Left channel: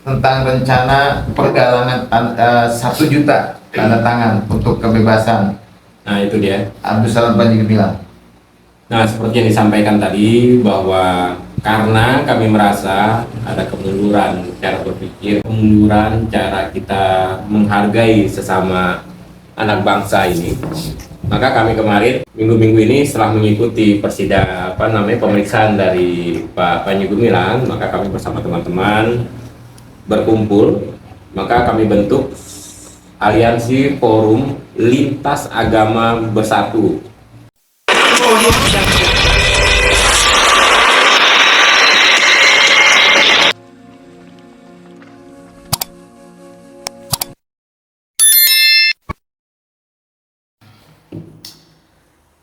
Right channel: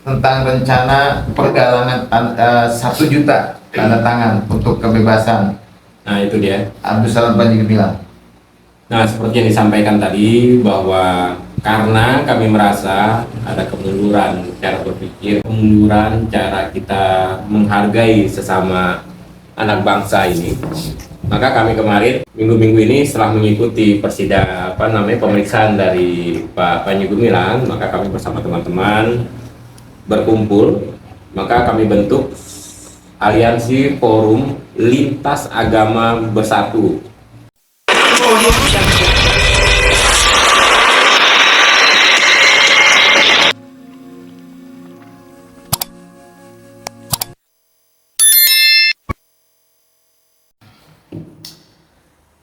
tentang rencana pergalangan 1 juta tanda tangan untuk kebebasan Nah itu dia. Abdus Salam Panji Gumilang. Nah seperti yang disampaikan tadi bahwa karena kami merasa ada kemunduran cara berpikir, kemunduran cara kita menghargai sesama anak bangsa ini, maka kami kemarin minggu-minggu ini setelah mengikuti pemeriksaan dari Pak Panji Gumilang, maka kami bersama teman-teman berkumpul, maka kami bentuk Aliansi Forum Lintas Agama Bersatu.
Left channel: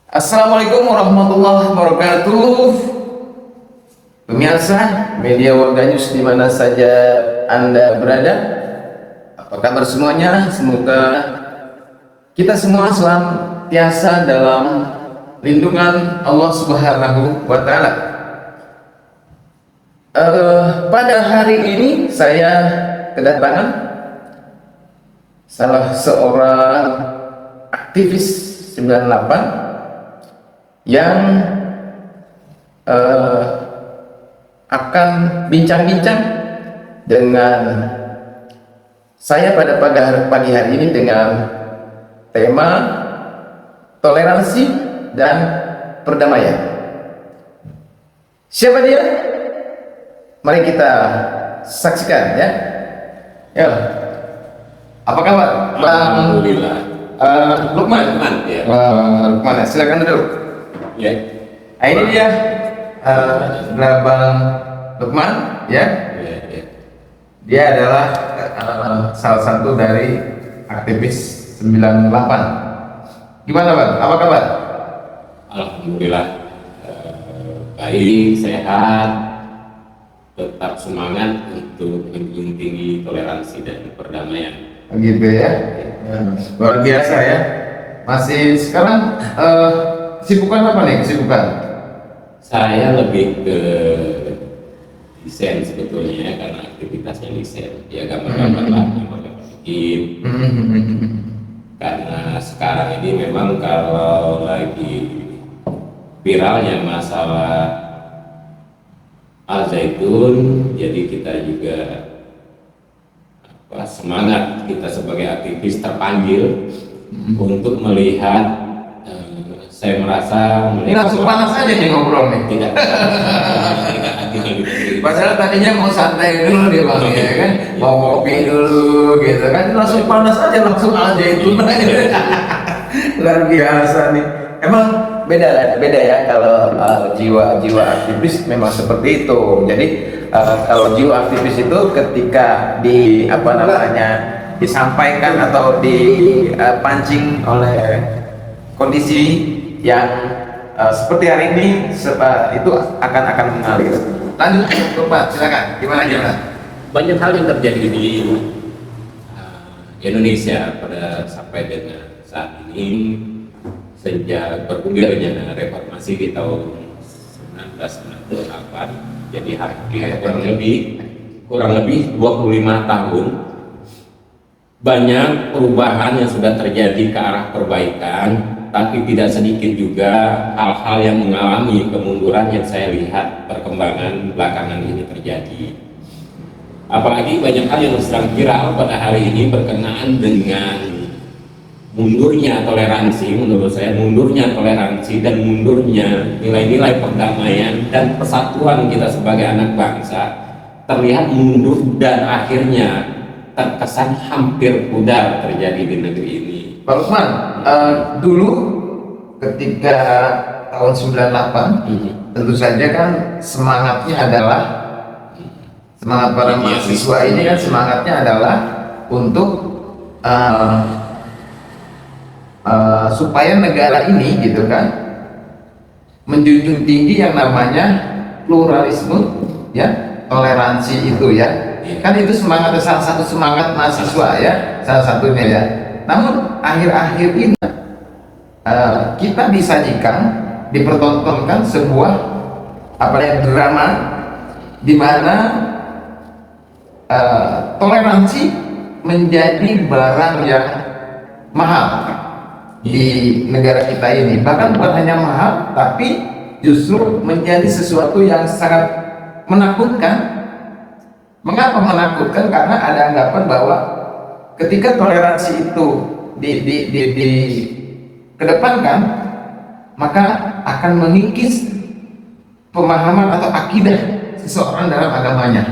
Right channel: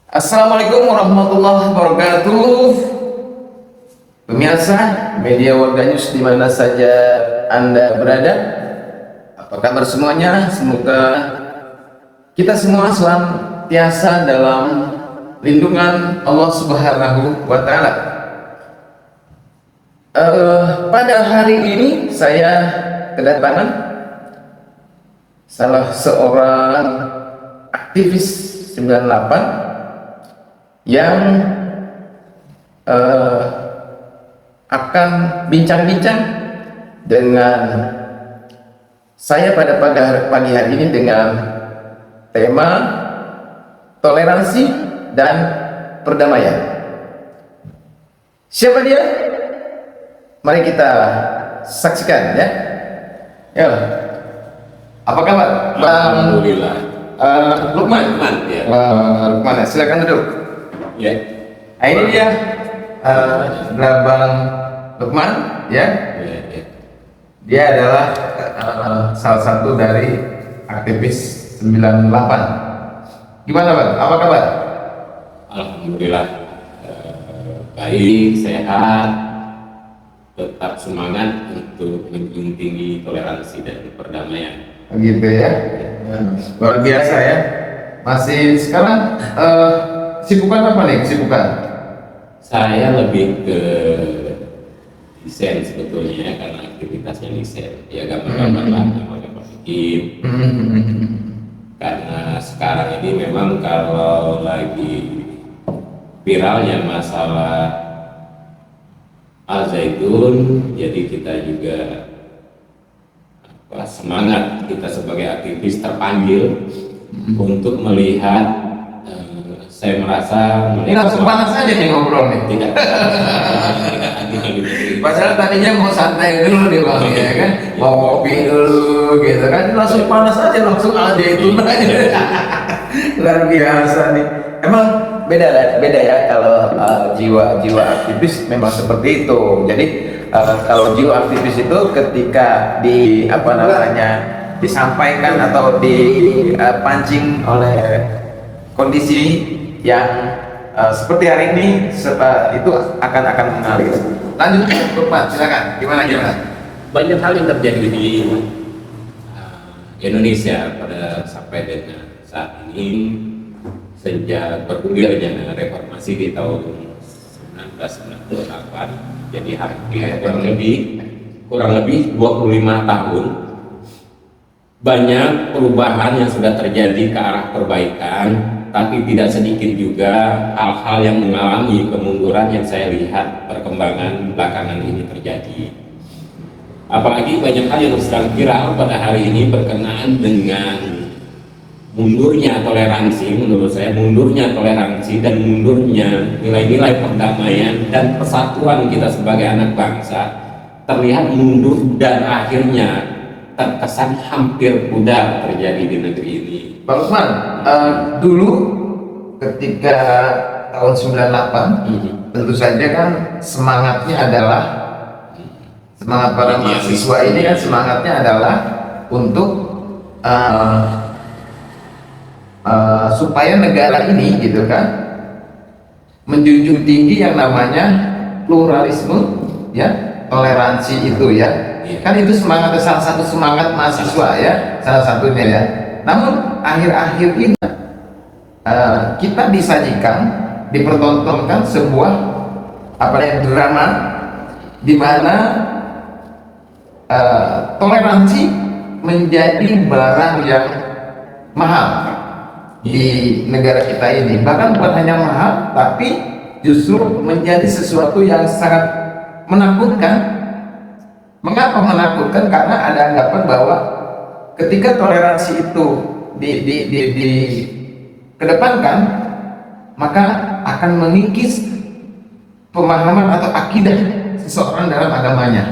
Assalamualaikum warahmatullahi wabarakatuh. Pemirsa media Warga News di mana saja Anda berada, apa kabar semuanya? Semoga kita semua senantiasa dalam lindungan Allah Subhanahu wa Ta'ala. Pada hari ini saya kedatangan salah seorang aktivis 98 yang akan bincang-bincang dengan saya pada pagi hari ini dengan tema toleransi dan perdamaian. Siapa dia? Mari kita saksikan ya. Ya. Apa kabar, Bang? Alhamdulillah. Lukman. Ya. Lukman, silakan duduk. Ya. Nah, ini dia Bang Lukman ya. Ya. Dia adalah salah satu dari aktivis 98. Gimana Bang? Apa kabar? Alhamdulillah. Baik, sehat, tetap semangat untuk menjunjung toleransi dan perdamaian. Gitu ya. Luar biasa ya. Masih sekarang sibukan apa nih? Sibukan? Saya lebih ke desain sebetulnya karena aktivitasnya desain. Ya gambar-gambar lah, gambar-gambar sedikit. Karena sekarang ini memang kalau lagi viralnya masalah Al Zaitun, jadi kita juga semangat kita sebagai aktivis terpanggil untuk melihat. Saya merasa Langsung panas aja nih ngobrol nih. tidak Padahal tadinya mau santai dulu nih Bang ya kan, mau ngopi dulu gitu kan, langsung panas aja langsung aja itu. Luar biasa nih. Emang beda ya kalau jiwa aktivis memang seperti itu. Jadi kalau jiwa aktivis itu ketika disampaikan atau dipancing oleh kondisi yang seperti hari ini itu akan mengalir. Lanjut Pak, silakan. Gimana? banyak hal yang terjadi di Indonesia sampai dengan saat ini sejak bergulirnya reformasi di tahun 1998, jadi kurang lebih 25 tahun. Banyak perubahan yang sudah terjadi ke arah perbaikan, tapi tidak sedikit juga hal-hal yang mengalami kemunduran yang saya lihat perkembangan belakangan ini terjadi. Apalagi banyak hal yang sedang viral pada hari ini berkenaan dengan mundurnya toleransi. Menurut saya mundurnya toleransi dan mundurnya nilai-nilai perdamaian dan persatuan kita sebagai anak bangsa terlihat mundur dan akhirnya terkesan hampir pudar terjadi di negeri ini. Pak Lukman, dulu ketika tahun 98, tentu saja kan semangatnya adalah semangat para mahasiswa ini kan semangatnya adalah untuk supaya negara ini gitu kan menjunjung tinggi yang namanya pluralisme ya, toleransi itu ya. Kan itu semangat, salah satu semangat mahasiswa ya, salah satunya ya. Namun akhir-akhir ini kita disajikan, dipertontonkan sebuah drama di mana toleransi menjadi barang yang mahal di negara kita ini. Bahkan bukan hanya mahal, tapi justru menjadi sesuatu yang sangat menakutkan. Mengapa menakutkan? Karena ada anggapan bahwa ketika toleransi itu dikedepankan, maka akan mengikis pemahaman atau akidah seseorang dalam agamanya.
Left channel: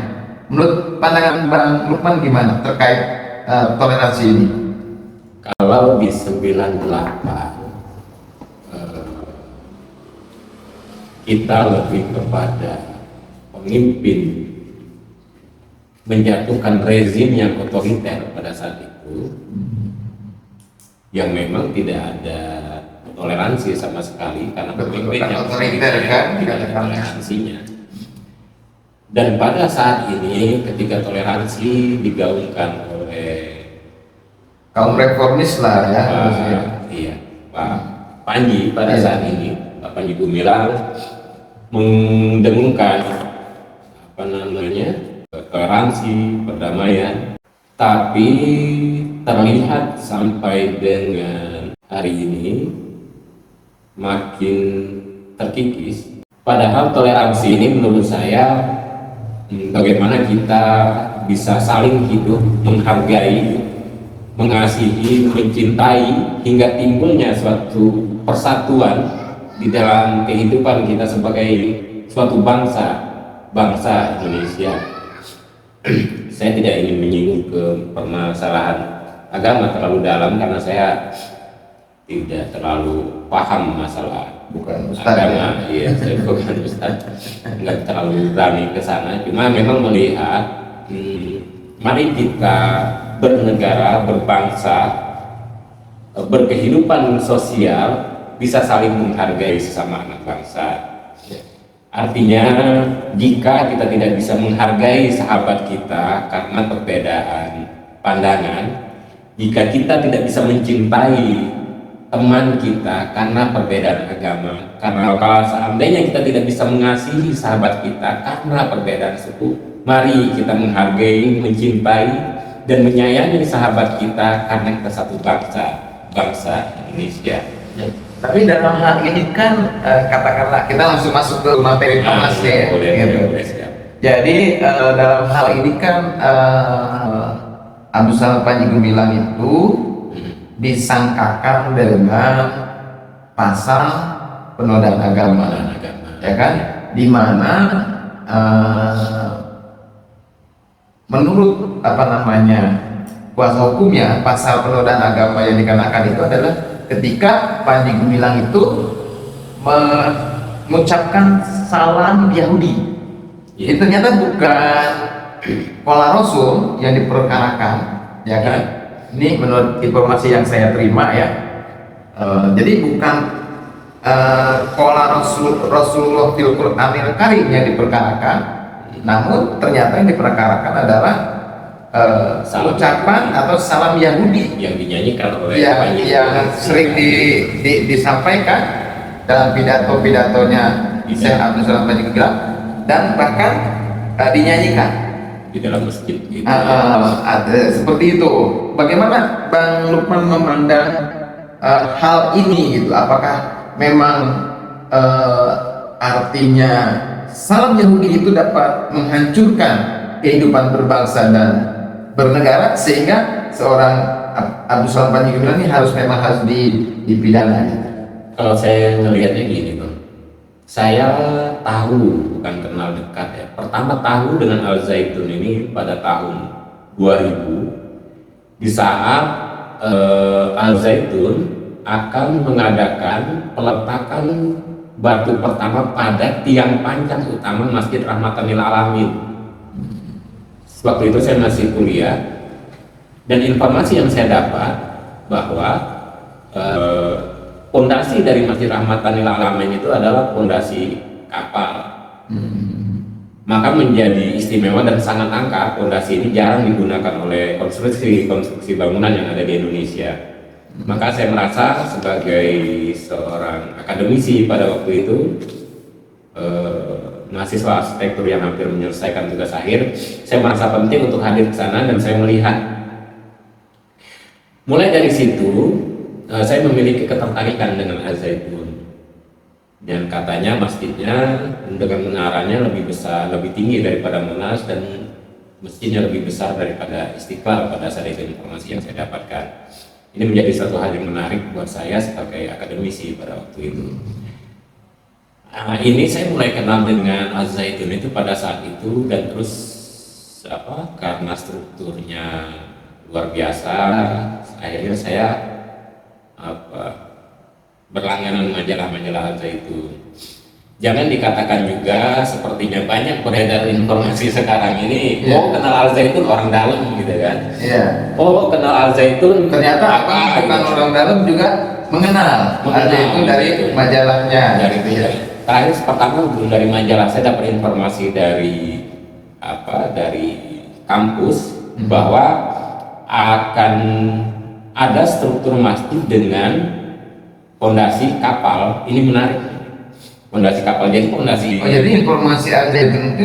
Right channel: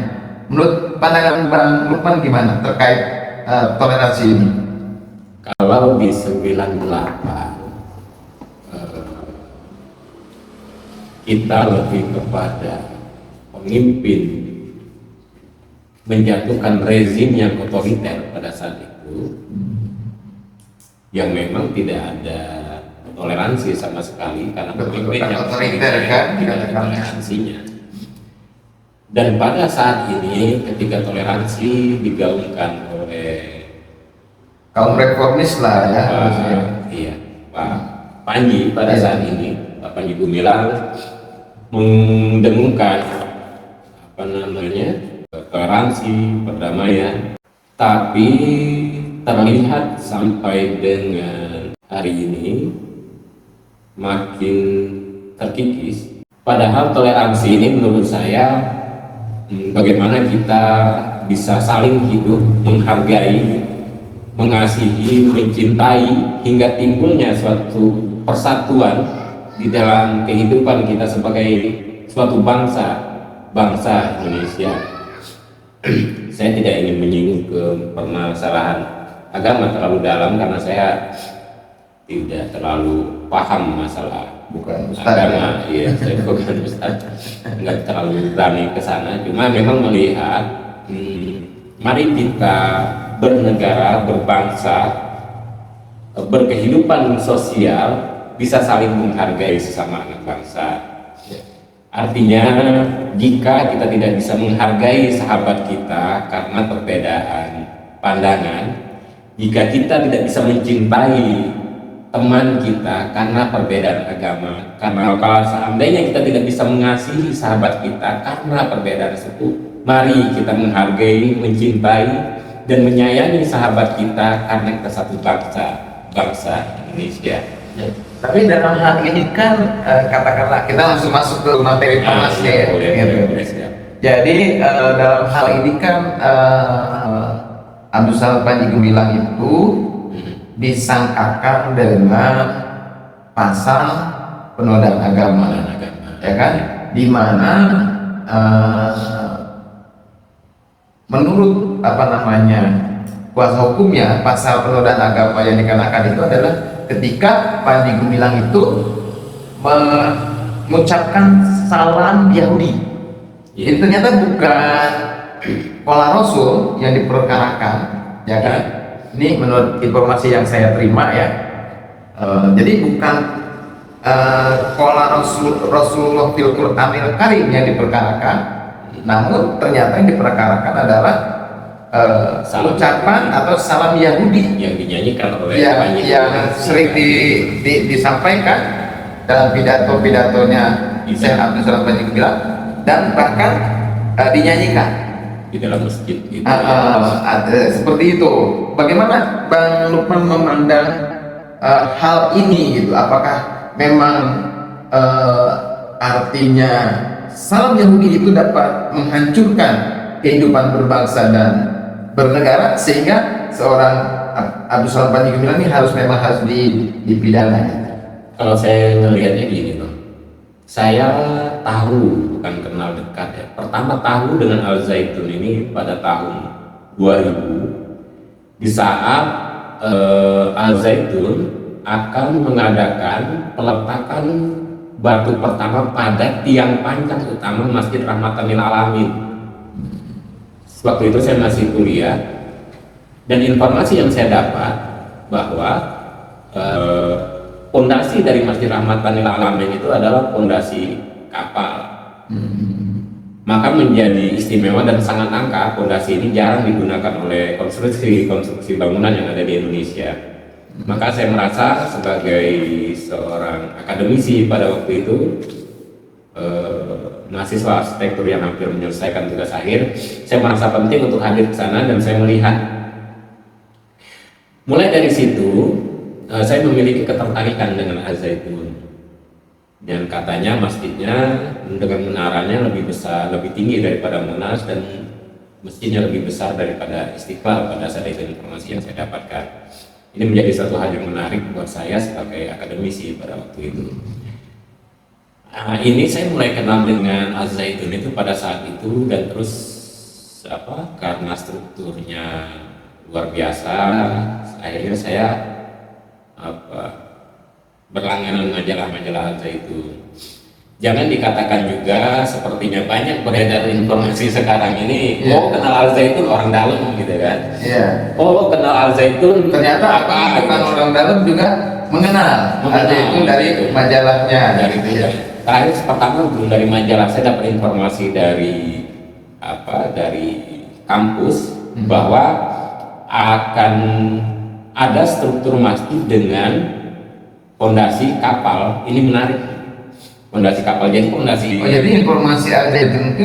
Menurut pandangan Bang Lukman gimana terkait toleransi ini? Kalau di 98 kita lebih kepada pemimpin menjatuhkan rezim yang otoriter pada saat itu, yang memang tidak ada toleransi sama sekali karena pemimpin yang otoriter kan tidak ada toleransinya. Dan pada saat ini ketika toleransi digaungkan oleh kaum reformis lah ya. Iya, Pak Panji pada saat ini, Pak Panji Gumilang mendengungkan apa namanya toleransi, perdamaian, tapi terlihat sampai dengan hari ini makin terkikis. Padahal toleransi ini menurut saya bagaimana kita bisa saling hidup, menghargai, mengasihi, mencintai, hingga timbulnya suatu persatuan di dalam kehidupan kita sebagai suatu bangsa Indonesia. Saya tidak ingin menyinggung ke permasalahan agama terlalu dalam karena saya tidak terlalu paham masalah Bukan Ustaz agama. Iya, saya bukan Ustaz, nggak terlalu berani ke sana. Cuma memang melihat, mari kita bernegara, berbangsa, berkehidupan sosial bisa saling menghargai sesama anak bangsa. Artinya, jika kita tidak bisa menghargai sahabat kita karena perbedaan pandangan, jika kita tidak bisa mencintai teman kita karena perbedaan agama, karena seandainya kita tidak bisa mengasihi sahabat kita karena perbedaan suku, mari kita menghargai, mencintai, dan menyayangi sahabat kita karena kita satu bangsa Indonesia. Tapi dalam hal ini kan katakanlah kita langsung masuk ke materi bahasnya ya. Boleh, siap. Jadi dalam hal ini kan Abdul Salam Panji Gumilang itu disangkakan dengan pasal penodaan agama, ya kan? Di mana menurut kuasa hukumnya pasal penodaan agama yang dikenakan itu adalah ketika Panji Gumilang itu mengucapkan salam Yahudi. Ini ternyata bukan pola Rasul yang diperkarakan, ya kan? Ini menurut informasi yang saya terima ya. Jadi bukan pola Rasulullah fil Qur'anil Karim yang diperkarakan, namun ternyata yang diperkarakan adalah ucapan atau salam Yahudi yang dinyanyikan oleh yang sering disampaikan dalam pidato-pidatonya Syekh Abdul Salam Panji Gumilang dan bahkan dinyanyikan di dalam masjid gitu. Seperti itu. Bagaimana Bang Lukman memandang hal ini gitu? Apakah memang artinya salam Yahudi itu dapat menghancurkan kehidupan berbangsa dan bernegara sehingga seorang Abdul Salam Panji Gumilang ini harus dipidana? Kalau saya melihatnya gini, Bang. Saya tahu, bukan kenal dekat ya. Pertama tahu dengan Al Zaitun ini pada tahun 2000 di saat Al Zaitun akan mengadakan peletakan batu pertama pada tiang panjang utama Masjid Rahmatan lil Alamin. Waktu itu saya masih kuliah dan informasi yang saya dapat bahwa fondasi dari Masjid Rahmatan lil Alamin itu adalah fondasi kapal. Maka menjadi istimewa dan sangat langka. Fondasi ini jarang digunakan oleh konstruksi bangunan yang ada di Indonesia. Maka saya merasa sebagai seorang akademisi pada waktu itu mahasiswa arsitektur yang hampir menyelesaikan tugas akhir, saya merasa penting untuk hadir ke sana dan saya melihat. Mulai dari situ, saya memiliki ketertarikan dengan Al-Zaitun. Dan katanya masjidnya dengan menaranya lebih besar, lebih tinggi daripada Monas, dan masjidnya lebih besar daripada Istiqlal pada saat itu informasi yang saya dapatkan. Ini menjadi satu hal yang menarik buat saya sebagai akademisi pada waktu itu. Ini saya mulai kenal dengan Al-Zaitun itu pada saat itu, dan terus karena strukturnya luar biasa, akhirnya saya berlangganan majalah-majalah Al-Zaitun. Jangan dikatakan juga sepertinya banyak beredar informasi sekarang ini, oh kenal Al-Zaitun orang dalam gitu kan. Oh kenal Al-Zaitun Ternyata orang dalam juga mengenal Al-Zaitun dari majalahnya. Terakhir pertama dari majalah saya dapat informasi dari kampus bahwa akan ada struktur masjid dengan fondasi kapal. Ini menarik. Fondasi kapal, jadi fondasi. Jadi informasi Al-Zaitun itu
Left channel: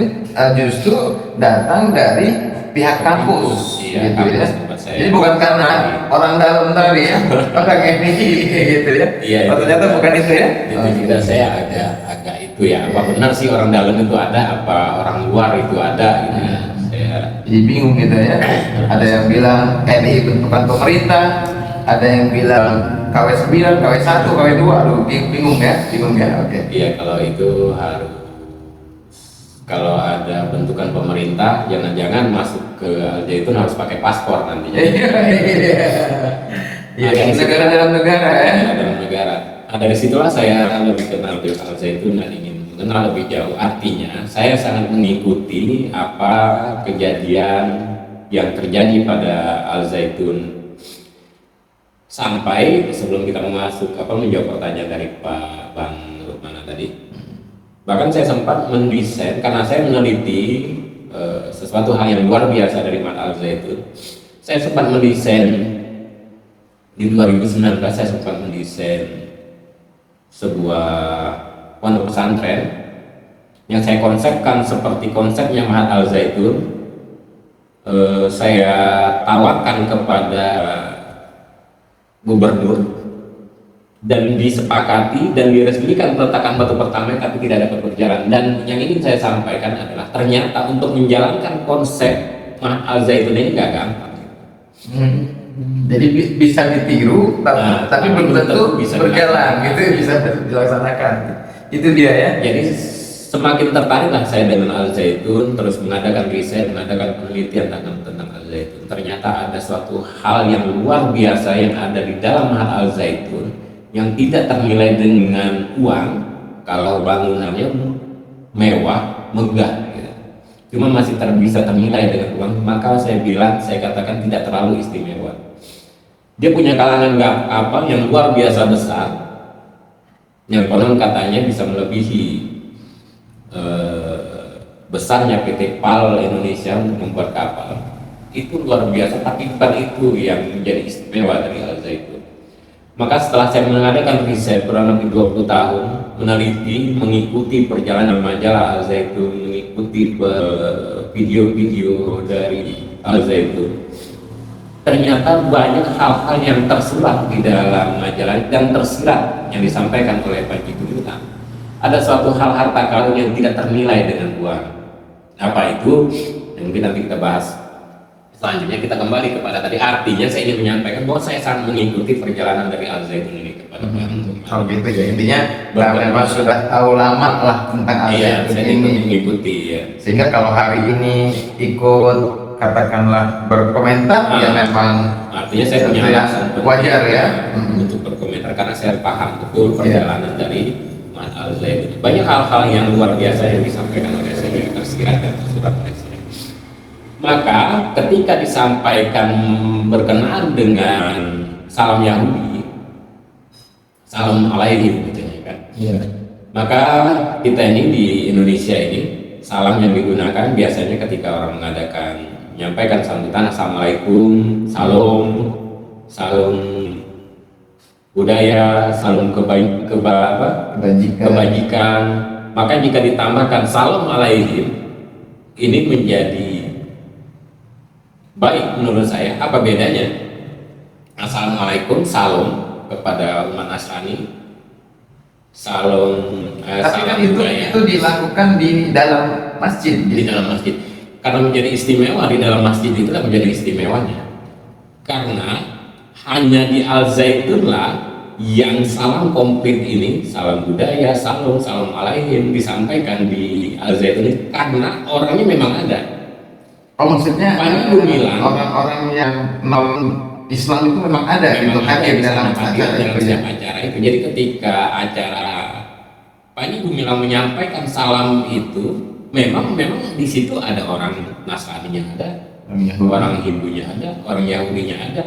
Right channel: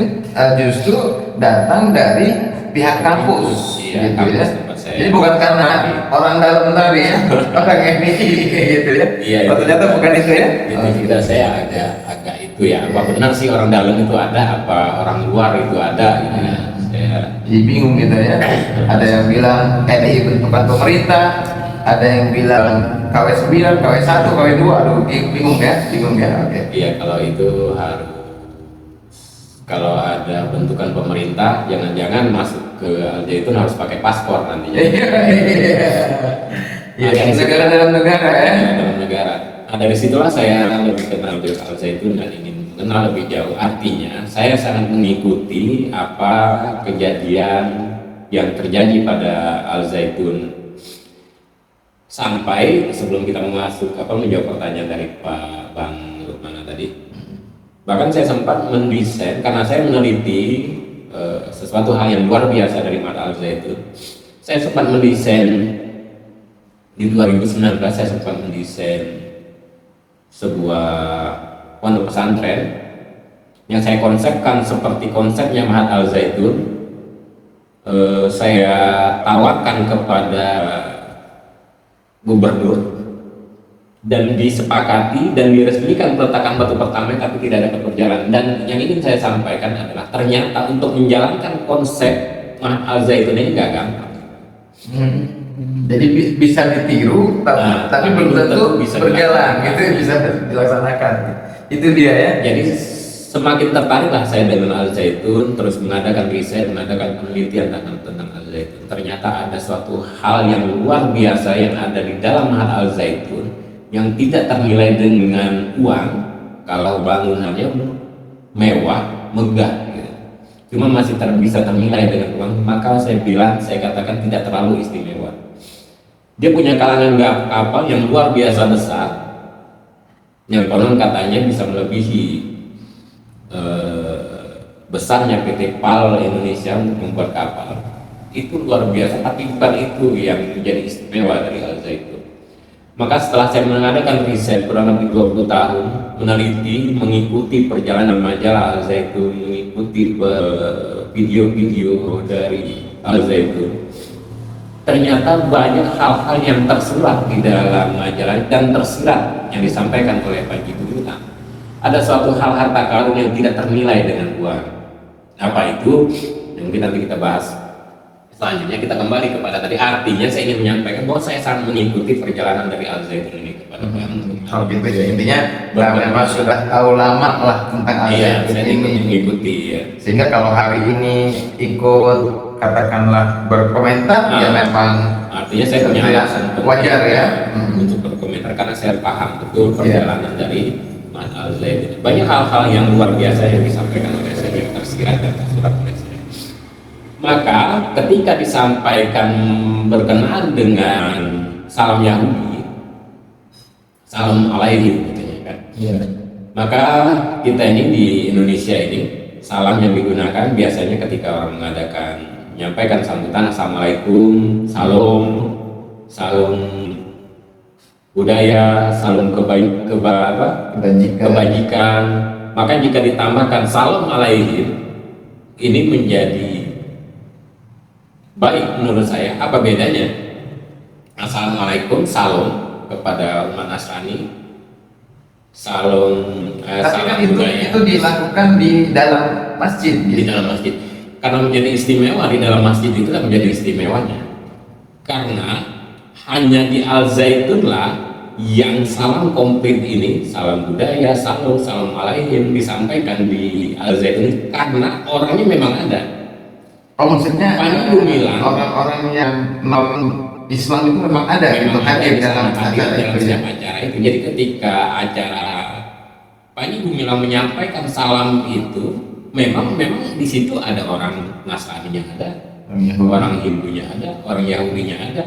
justru datang dari pihak kampus. Iya, kampus tempat saya. Jadi bukan karena orang dalam tadi ya, orang FDI gitu ya. Iya, ternyata bukan itu ya. Itu juga saya agak itu ya. Apa benar sih orang dalam itu ada? Apa orang luar itu ada? Gitu ya. Saya Bingung gitu ya. Ada yang bilang TNI itu bukan pemerintah, ada yang bilang KW 9, KW 1, KW 2. Aduh, bingung ya. Oke. Iya, kalau itu harus, kalau ada bentukan pemerintah, jangan-jangan masuk ke Al-Zaitun harus pakai paspor nanti. Iya, negara dalam negara ya. Dalam negara. Nah, dari situlah saya lebih kenal dengan Al-Zaitun dan ingin mengenal lebih jauh. Artinya, saya sangat mengikuti apa kejadian yang terjadi pada Al-Zaitun. Sampai sebelum kita masuk menjawab pertanyaan dari Pak Bang Rukmana tadi, bahkan saya sempat mendesain karena saya meneliti sesuatu hal yang luar biasa dari mata Al-Zaitun. Saya sempat mendesain di 2019, saya sempat mendesain sebuah pondok pesantren yang saya konsepkan seperti konsepnya Mahat Al-Zaitun. Saya tawarkan kepada gubernur dan disepakati dan diresmikan peletakan batu pertama, tapi tidak dapat berjalan. Dan yang ingin saya sampaikan adalah ternyata untuk menjalankan konsep Mahat Al-Zaitun ini nggak gampang. Jadi bisa ditiru, tapi belum tentu bisa berjalan, gitu bisa dilaksanakan. Itu dia ya. Jadi semakin tertariklah saya dengan Al-Zaitun, terus mengadakan riset, mengadakan penelitian tentang Al-Zaitun. Ternyata ada suatu hal yang luar biasa yang ada di dalam Mahat Al-Zaitun yang tidak ternilai dengan uang. Kalau bangunannya mewah, megah, gitu. Cuma masih bisa ternilai dengan uang. Maka saya katakan tidak terlalu istimewa. Dia punya kalangan kapal yang luar biasa besar, yang konon katanya bisa melebihi besarnya PT PAL Indonesia untuk membuat kapal. Itu luar biasa, tapi bukan itu yang menjadi istimewa dari Al-Zaitun. Maka setelah saya mengadakan riset kurang lebih 20 tahun, meneliti, mengikuti perjalanan majalah Al-Zaitun, mengikuti video-video dari Al-Zaitun, ternyata banyak hal-hal yang tersurat di dalam majalah dan tersirat yang disampaikan oleh Panji Gumilang. Ada suatu hal harta karun yang tidak ternilai dengan uang. Apa itu? Yang nanti kita bahas. Selanjutnya kita kembali kepada tadi. Artinya saya ingin menyampaikan bahwa saya sangat mengikuti perjalanan dari Al-Zaitun ini kepada Kalau gitu intinya bahwa sudah tahu lama lah tentang saya ini. mengikuti ya. Sehingga kalau hari ini ikut katakanlah berkomentar ya memang Artinya saya punya alasan wajar ya untuk berkomentar karena saya paham betul perjalanan dari Al-Zaitun. Banyak hal-hal yang luar biasa yang disampaikan oleh saya yang tersirat dan tersurat oleh saya. Maka ketika disampaikan berkenaan dengan salam Yahudi, salam alaihi gitu kan. Maka kita ini di Indonesia ini salam yang digunakan biasanya ketika orang mengadakan menyampaikan sambutan, assalamualaikum, salam budaya, salam kebajikan, maka jika ditambahkan salam alaikum ini menjadi baik menurut saya. Apa bedanya? Assalamualaikum, salam kepada umat Nasrani, salam Tapi kan itu dilakukan di dalam masjid. di dalam masjid. Karena menjadi istimewa di dalam masjid itu menjadi istimewanya. Karena hanya di Al-Zaitunlah yang salam komplit ini, salam budaya, salam alaikum disampaikan di Al-Zaitun karena orangnya memang ada. Oh, maksudnya Bilang. orang-orang yang non Islam itu memang ada yang hadir dalam acara itu ya. Itu. Jadi ketika acara Panji Gumilang menyampaikan salam itu, memang di situ ada orang Nasrani-nya ada, orang Hindunya ada, orang Yahudinya ada,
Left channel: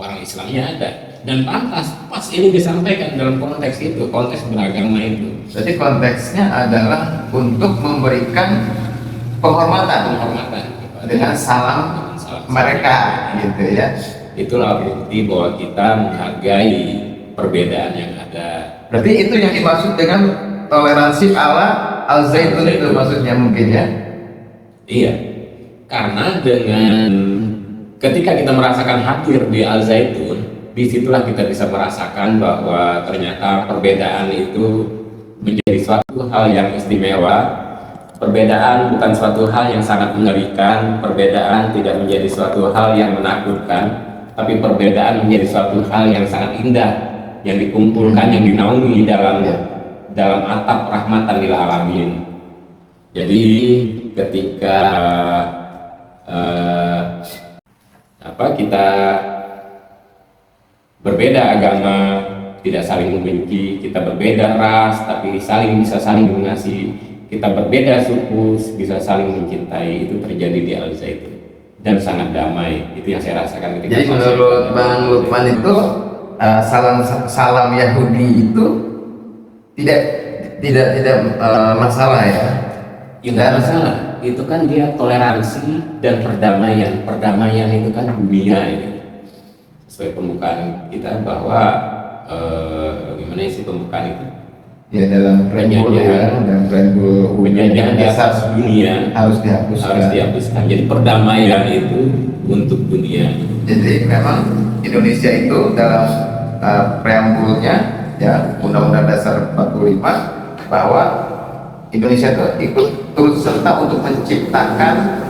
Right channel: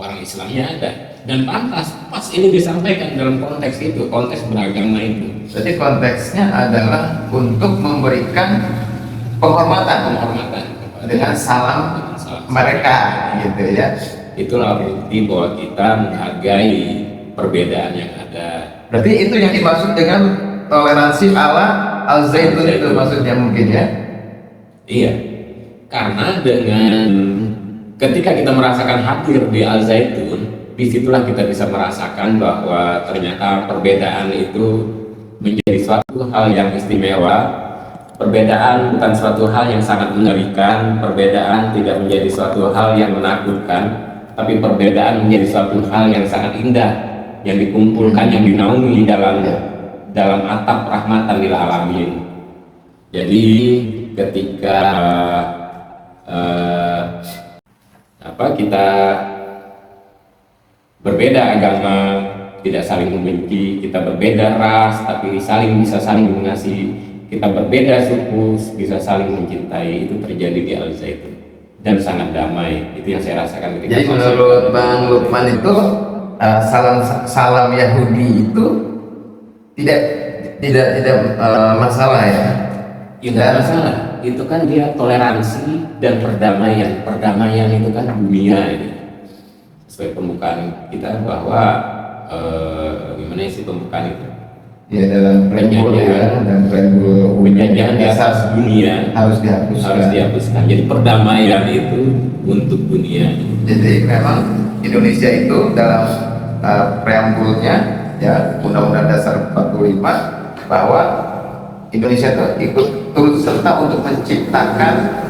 orang Islamnya ada, dan pantas pas ini disampaikan dalam konteks itu, konteks beragama itu. Jadi konteksnya adalah untuk memberikan penghormatan dengan salam mereka gitu ya. Itulah bukti bahwa kita menghargai perbedaan yang ada. Berarti itu yang dimaksud dengan toleransi ala Al-Zaitun itu maksudnya mungkin ya. Iya, karena dengan ketika kita merasakan hadir di Al-Zaitun, disitulah kita bisa merasakan bahwa ternyata perbedaan itu menjadi suatu hal yang istimewa. Perbedaan bukan suatu hal yang sangat mengerikan, perbedaan tidak menjadi suatu hal yang menakutkan, tapi perbedaan menjadi suatu hal yang sangat indah, yang dikumpulkan, yang dinaungi di dalam atap rahmatan lil alamin. Jadi ketika kita berbeda agama, tidak saling membenci, kita berbeda ras, tapi bisa saling mengasihi. Kita berbeda suku, bisa saling mencintai, itu terjadi di Al-Zaitun dan sangat damai. Itu yang saya rasakan. Jadi menurut Bang Lukman itu salam Yahudi itu tidak masalah ya. Tidak masalah. Itu kan dia toleransi dan perdamaian. Perdamaian itu kan dunia ini. Sesuai pembukaan kita bahwa gimana sih pembukaan itu? Ya dalam penjajahan dan penjajahan di atas dunia harus dihapuskan. Jadi perdamaian itu untuk dunia. Jadi memang Indonesia itu dalam preambulnya ya Undang-Undang Dasar 45 bahwa Indonesia itu ikut turut serta untuk menciptakan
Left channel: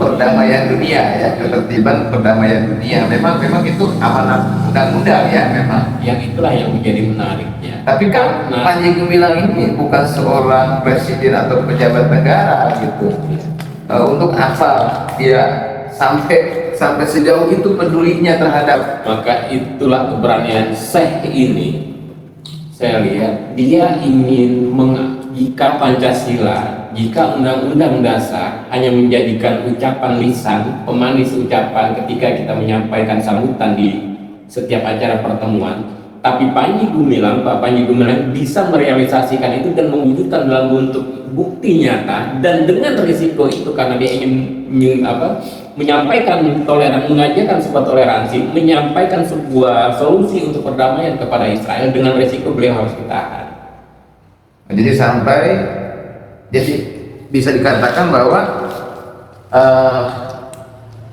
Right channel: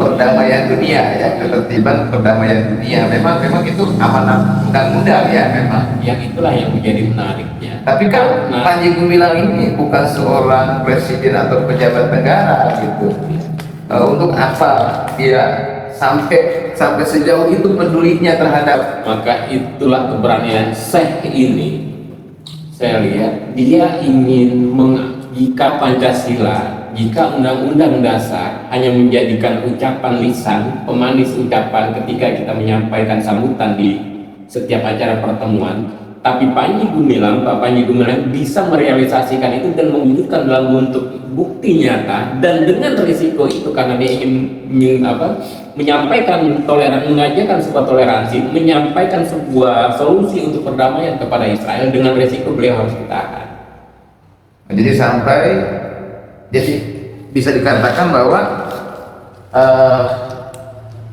perdamaian dunia ya, ketertiban perdamaian dunia. Memang itu amanah undang-undang ya memang. Yang itulah yang menjadi menariknya. Tapi kan Panji Gumilang ini bukan seorang presiden atau pejabat negara gitu. Untuk apa dia sampai sejauh itu pedulinya terhadap? Maka itulah keberanian Syekh ini. Saya lihat dia ingin jika Pancasila, jika Undang-Undang Dasar hanya menjadikan ucapan lisan, pemanis ucapan ketika kita menyampaikan sambutan di setiap acara pertemuan, tapi Panji Gumilang, Pak Panji Gumilang bisa merealisasikan itu dan mewujudkan dalam bentuk bukti nyata, dan dengan risiko itu karena dia ingin menyampaikan mengajarkan sebuah toleransi, menyampaikan sebuah solusi untuk perdamaian kepada Israel, dengan risiko beliau harus ditahan. Jadi bisa dikatakan bahwa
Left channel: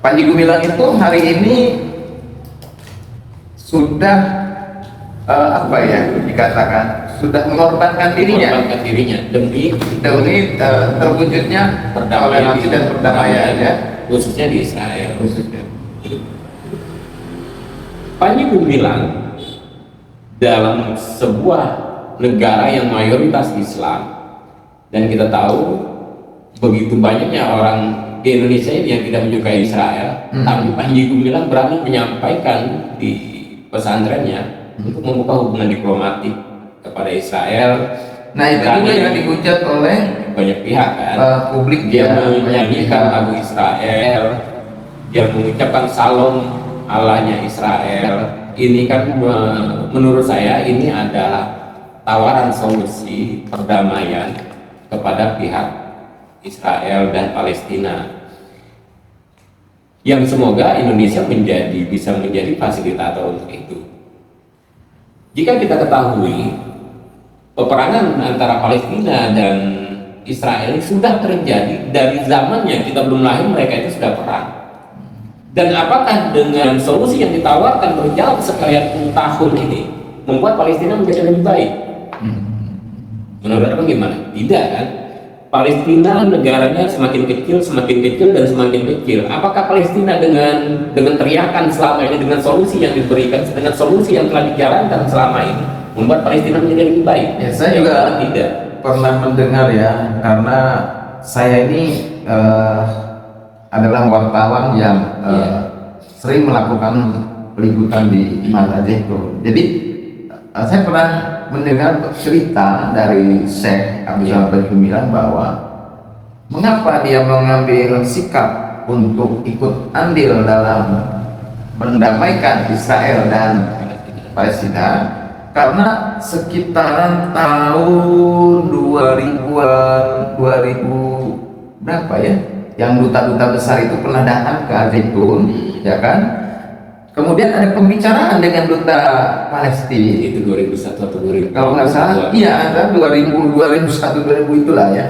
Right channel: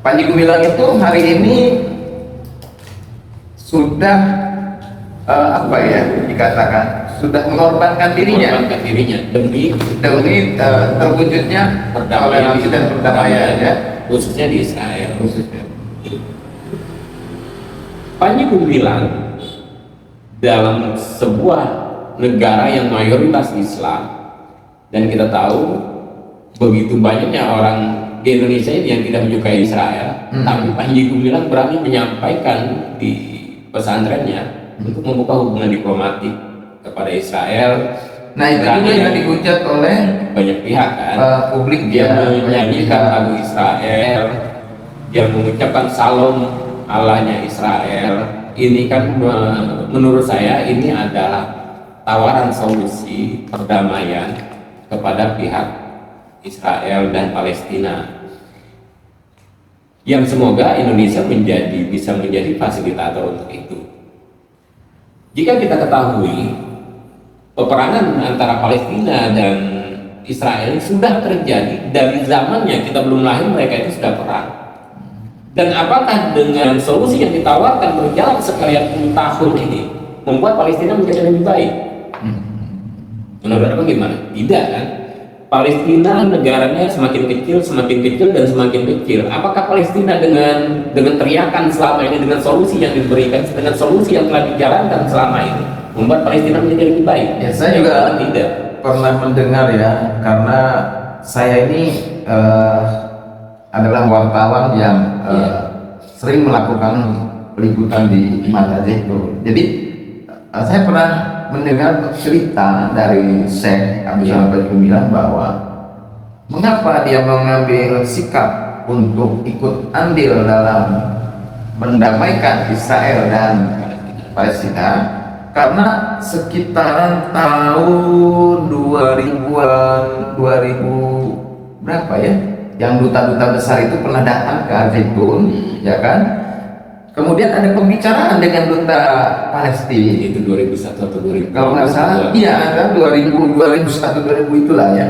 Panji Gumilang itu hari ini sudah dikatakan sudah mengorbankan dirinya demi terwujudnya toleransi dan perdamaian ya, khususnya di Israel. Panji Gumilang dalam sebuah negara yang mayoritas Islam, dan kita tahu begitu banyaknya orang di Indonesia ini yang tidak menyukai Israel, namun Panji Gumilang berani menyampaikan di pesantrennya untuk membuka hubungan diplomatik kepada Israel. Nah itu juga yang dihujat oleh banyak pihak kan. Publik Dia menyanyikan lagu Israel, dia mengucapkan salam Allahnya Israel. Ini kan menurut saya ini adalah tawaran solusi perdamaian kepada pihak Israel dan Palestina, yang semoga Indonesia bisa menjadi fasilitator untuk itu. Jika kita ketahui peperangan antara Palestina dan Israel sudah terjadi dari zamannya kita belum lahir, mereka itu sudah perang. Dan apakah dengan solusi yang ditawarkan berjalan sekian tahun ini membuat Palestina menjadi lebih baik? Menurut bagaimana? Tidak kan? Palestina negaranya semakin kecil dan semakin kecil. Apakah Palestina dengan teriakan selama ini, dengan solusi yang diberikan, dengan solusi yang telah dijalankan selama ini membuat Palestina menjadi lebih baik? Ya, saya juga tidak pernah mendengar ya, karena saya ini adalah wartawan yang sering melakukan peliputan di mata itu. Jadi saya pernah mendengar cerita dari Syekh Abdul Aziz bilang bahwa mengapa dia mengambil sikap untuk ikut andil dalam mendamaikan Israel dan Palestina, karena sekitaran tahun 2000-an, 2000 berapa ya, yang duta-duta besar itu pernah datang ke Zaitun, ya kan? Kemudian ada pembicaraan dengan duta Palestina itu 2001 atau 2000. kalau nggak salah, iya ada 2001 2000 itulah ya,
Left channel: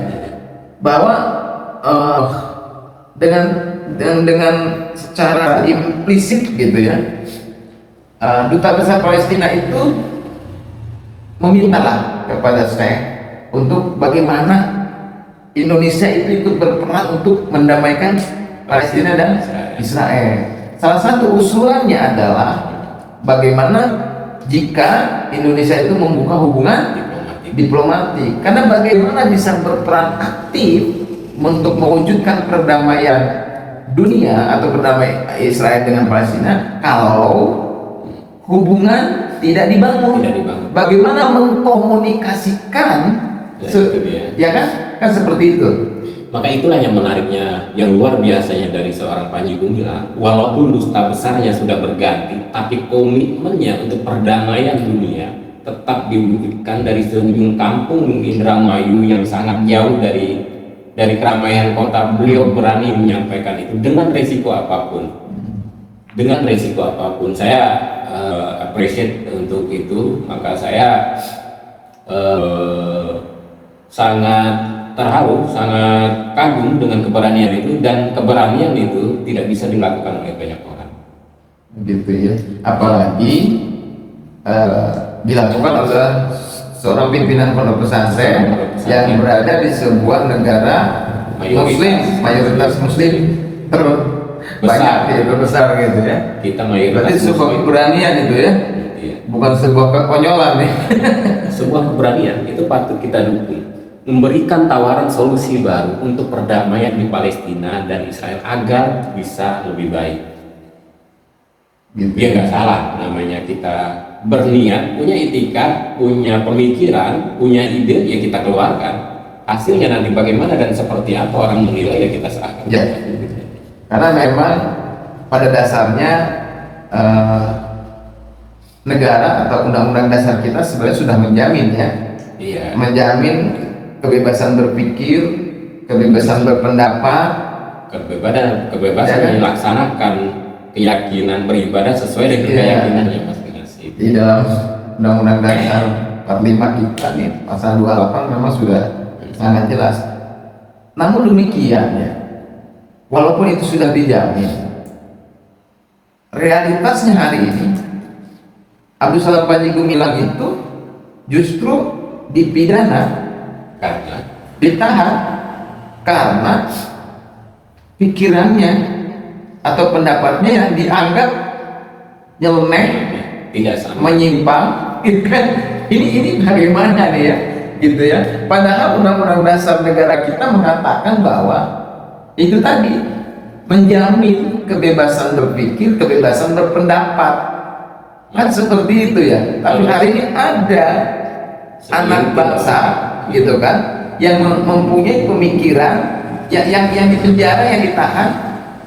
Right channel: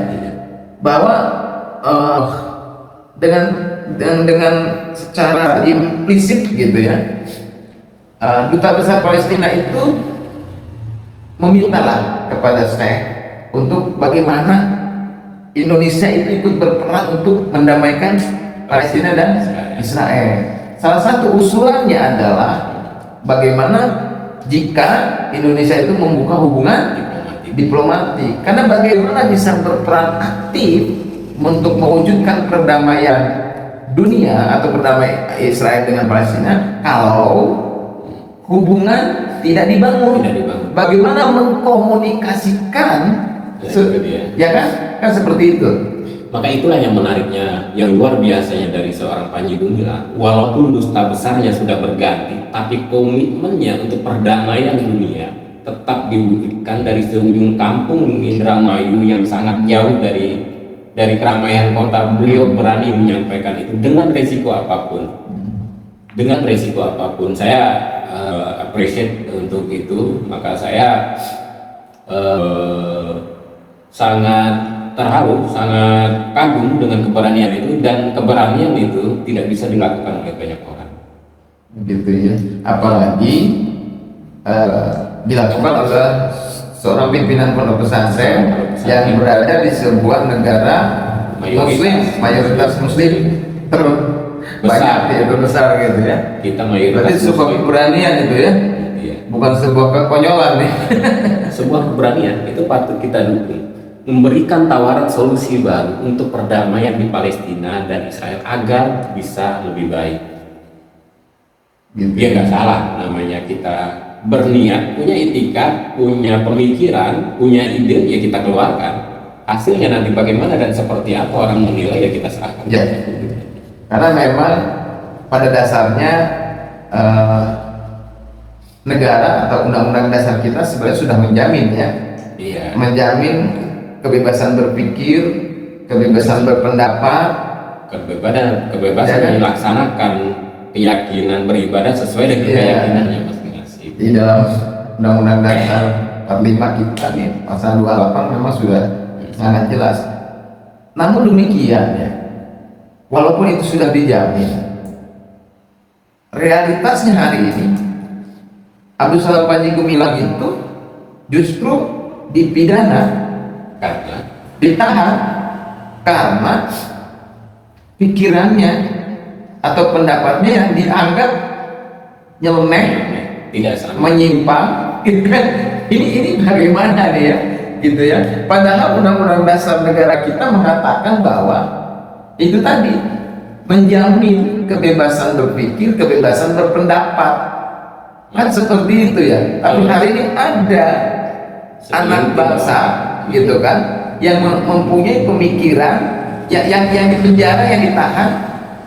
bahwa dengan secara implisit gitu ya, duta besar Palestina itu memintalah kepada Syekh untuk bagaimana Indonesia itu ikut berperan untuk mendamaikan Palestina dan Israel. Salah satu usulannya adalah bagaimana jika Indonesia itu membuka hubungan diplomatik, karena bagaimana bisa berperan aktif untuk mewujudkan perdamaian dunia atau perdamaian Israel dengan Palestina kalau hubungan tidak dibangun. Bagaimana mengkomunikasikan ya kan seperti itu. Maka itulah yang menariknya, yang luar biasanya dari seorang Panji Gumilang. Walaupun duta besarnya sudah berganti, tapi komitmennya untuk perdamaian dunia tetap diwujudkan dari seujung kampung Indramayu yang sangat jauh dari keramaian kota. Beliau berani menyampaikan itu dengan resiko apapun. Dengan resiko apapun, saya appreciate untuk itu. Maka saya sangat terharu, sangat kagum dengan keberanian itu, dan keberanian itu tidak bisa dilakukan oleh banyak orang. Gitu ya. Apalagi dilakukan oleh seorang pimpinan pondok pesantren yang berada di sebuah negara Muslim, mayoritas Muslim terbanyak ya, terbesar gitu ya. Kita mayoritas. Itu sebuah keberanian itu ya. Bukan sebuah kekonyolan nih. Sebuah keberanian itu patut kita dukung. Memberikan tawaran solusi baru untuk perdamaian di Palestina dan Israel agar bisa lebih baik. Gitu. Ya nggak salah, namanya kita berniat, punya etika, punya pemikiran, punya ide, ya kita keluarkan. Hasilnya nanti bagaimana dan seperti apa orang menilai, ya kita serahkan. Ya. Karena memang pada dasarnya negara atau undang-undang dasar kita sebenarnya sudah menjamin ya, menjamin kebebasan berpikir, kebebasan berpendapat, kebebasan melaksanakan keyakinan beribadah sesuai dengan keyakinannya masing-masing. Di dalam undang-undang dasar 45 kita nih pasal 28 memang sudah sangat jelas. Namun demikian ya, walaupun itu sudah dijamin, realitasnya hari ini Abdul Salam Panji Gumilang itu justru dipidana, ditahan karena pikirannya atau pendapatnya yang dianggap nyeleneh, tidak sama, menyimpang, gitu kan? Ini bagaimana nih ya, gitu ya? Padahal undang-undang dasar negara kita mengatakan bahwa itu tadi menjamin kebebasan berpikir, kebebasan berpendapat, kan seperti itu ya. Tapi hari ini ada anak bangsa gitu kan yang mempunyai pemikiran yang dipenjara, yang ditahan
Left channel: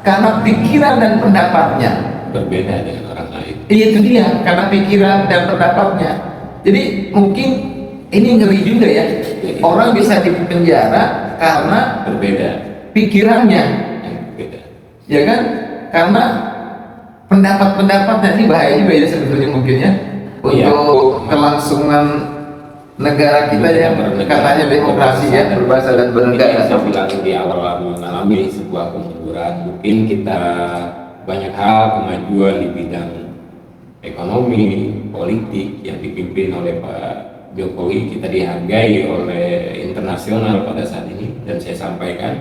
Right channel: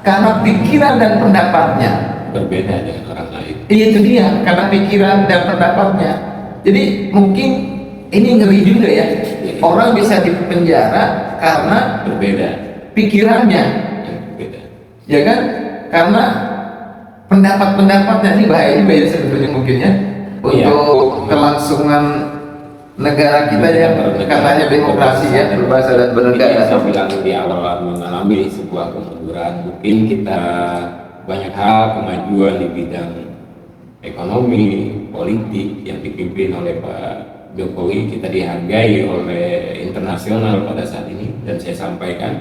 karena pikiran dan pendapatnya berbeda dengan orang lain. Itu dia, karena pikiran dan pendapatnya. Jadi mungkin ini ngeri juga ya, orang bisa dipenjara karena berbeda pikirannya, berbeda. Ya kan, karena pendapat-pendapatnya ini bahaya sebetulnya mungkin ya, untuk kelangsungan negara kita yang katanya demokrasi ya, berbahasa dan bernegara. Saya bilang di awal mengalami sebuah kemunduran. Mungkin kita banyak hal kemajuan di bidang ekonomi, politik yang dipimpin oleh Pak Jokowi kita dihargai oleh internasional pada saat ini, dan saya sampaikan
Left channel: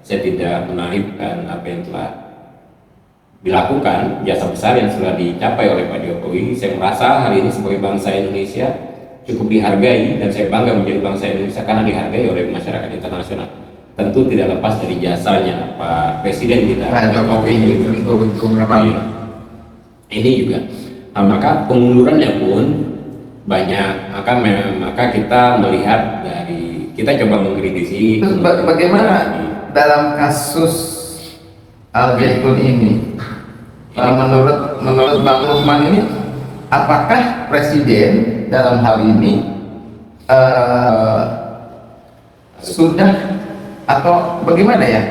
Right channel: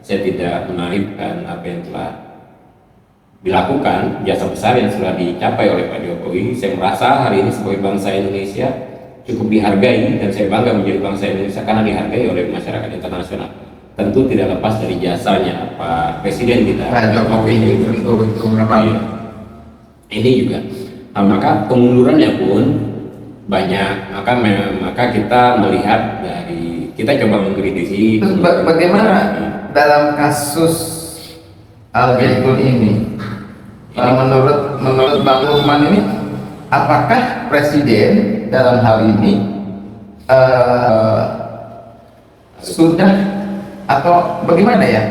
saya tidak menaikkan apa yang telah dilakukan, jasa besar yang sudah dicapai oleh Pak Jokowi. Saya merasa hari ini sebagai bangsa Indonesia cukup dihargai, dan saya bangga menjadi bangsa Indonesia karena dihargai oleh masyarakat internasional. Tentu tidak lepas dari jasanya Pak Presiden kita, Pak Jokowi itu memang ini juga. Nah, maka kemundurannya pun banyak, maka kita melihat dari, kita coba mengkritisi. Terus bagaimana dalam kasus Al Zaitun ini? Kalau menurut Bang Lukman ini, apakah Presiden dalam hal ini sudah atau bagaimana ya?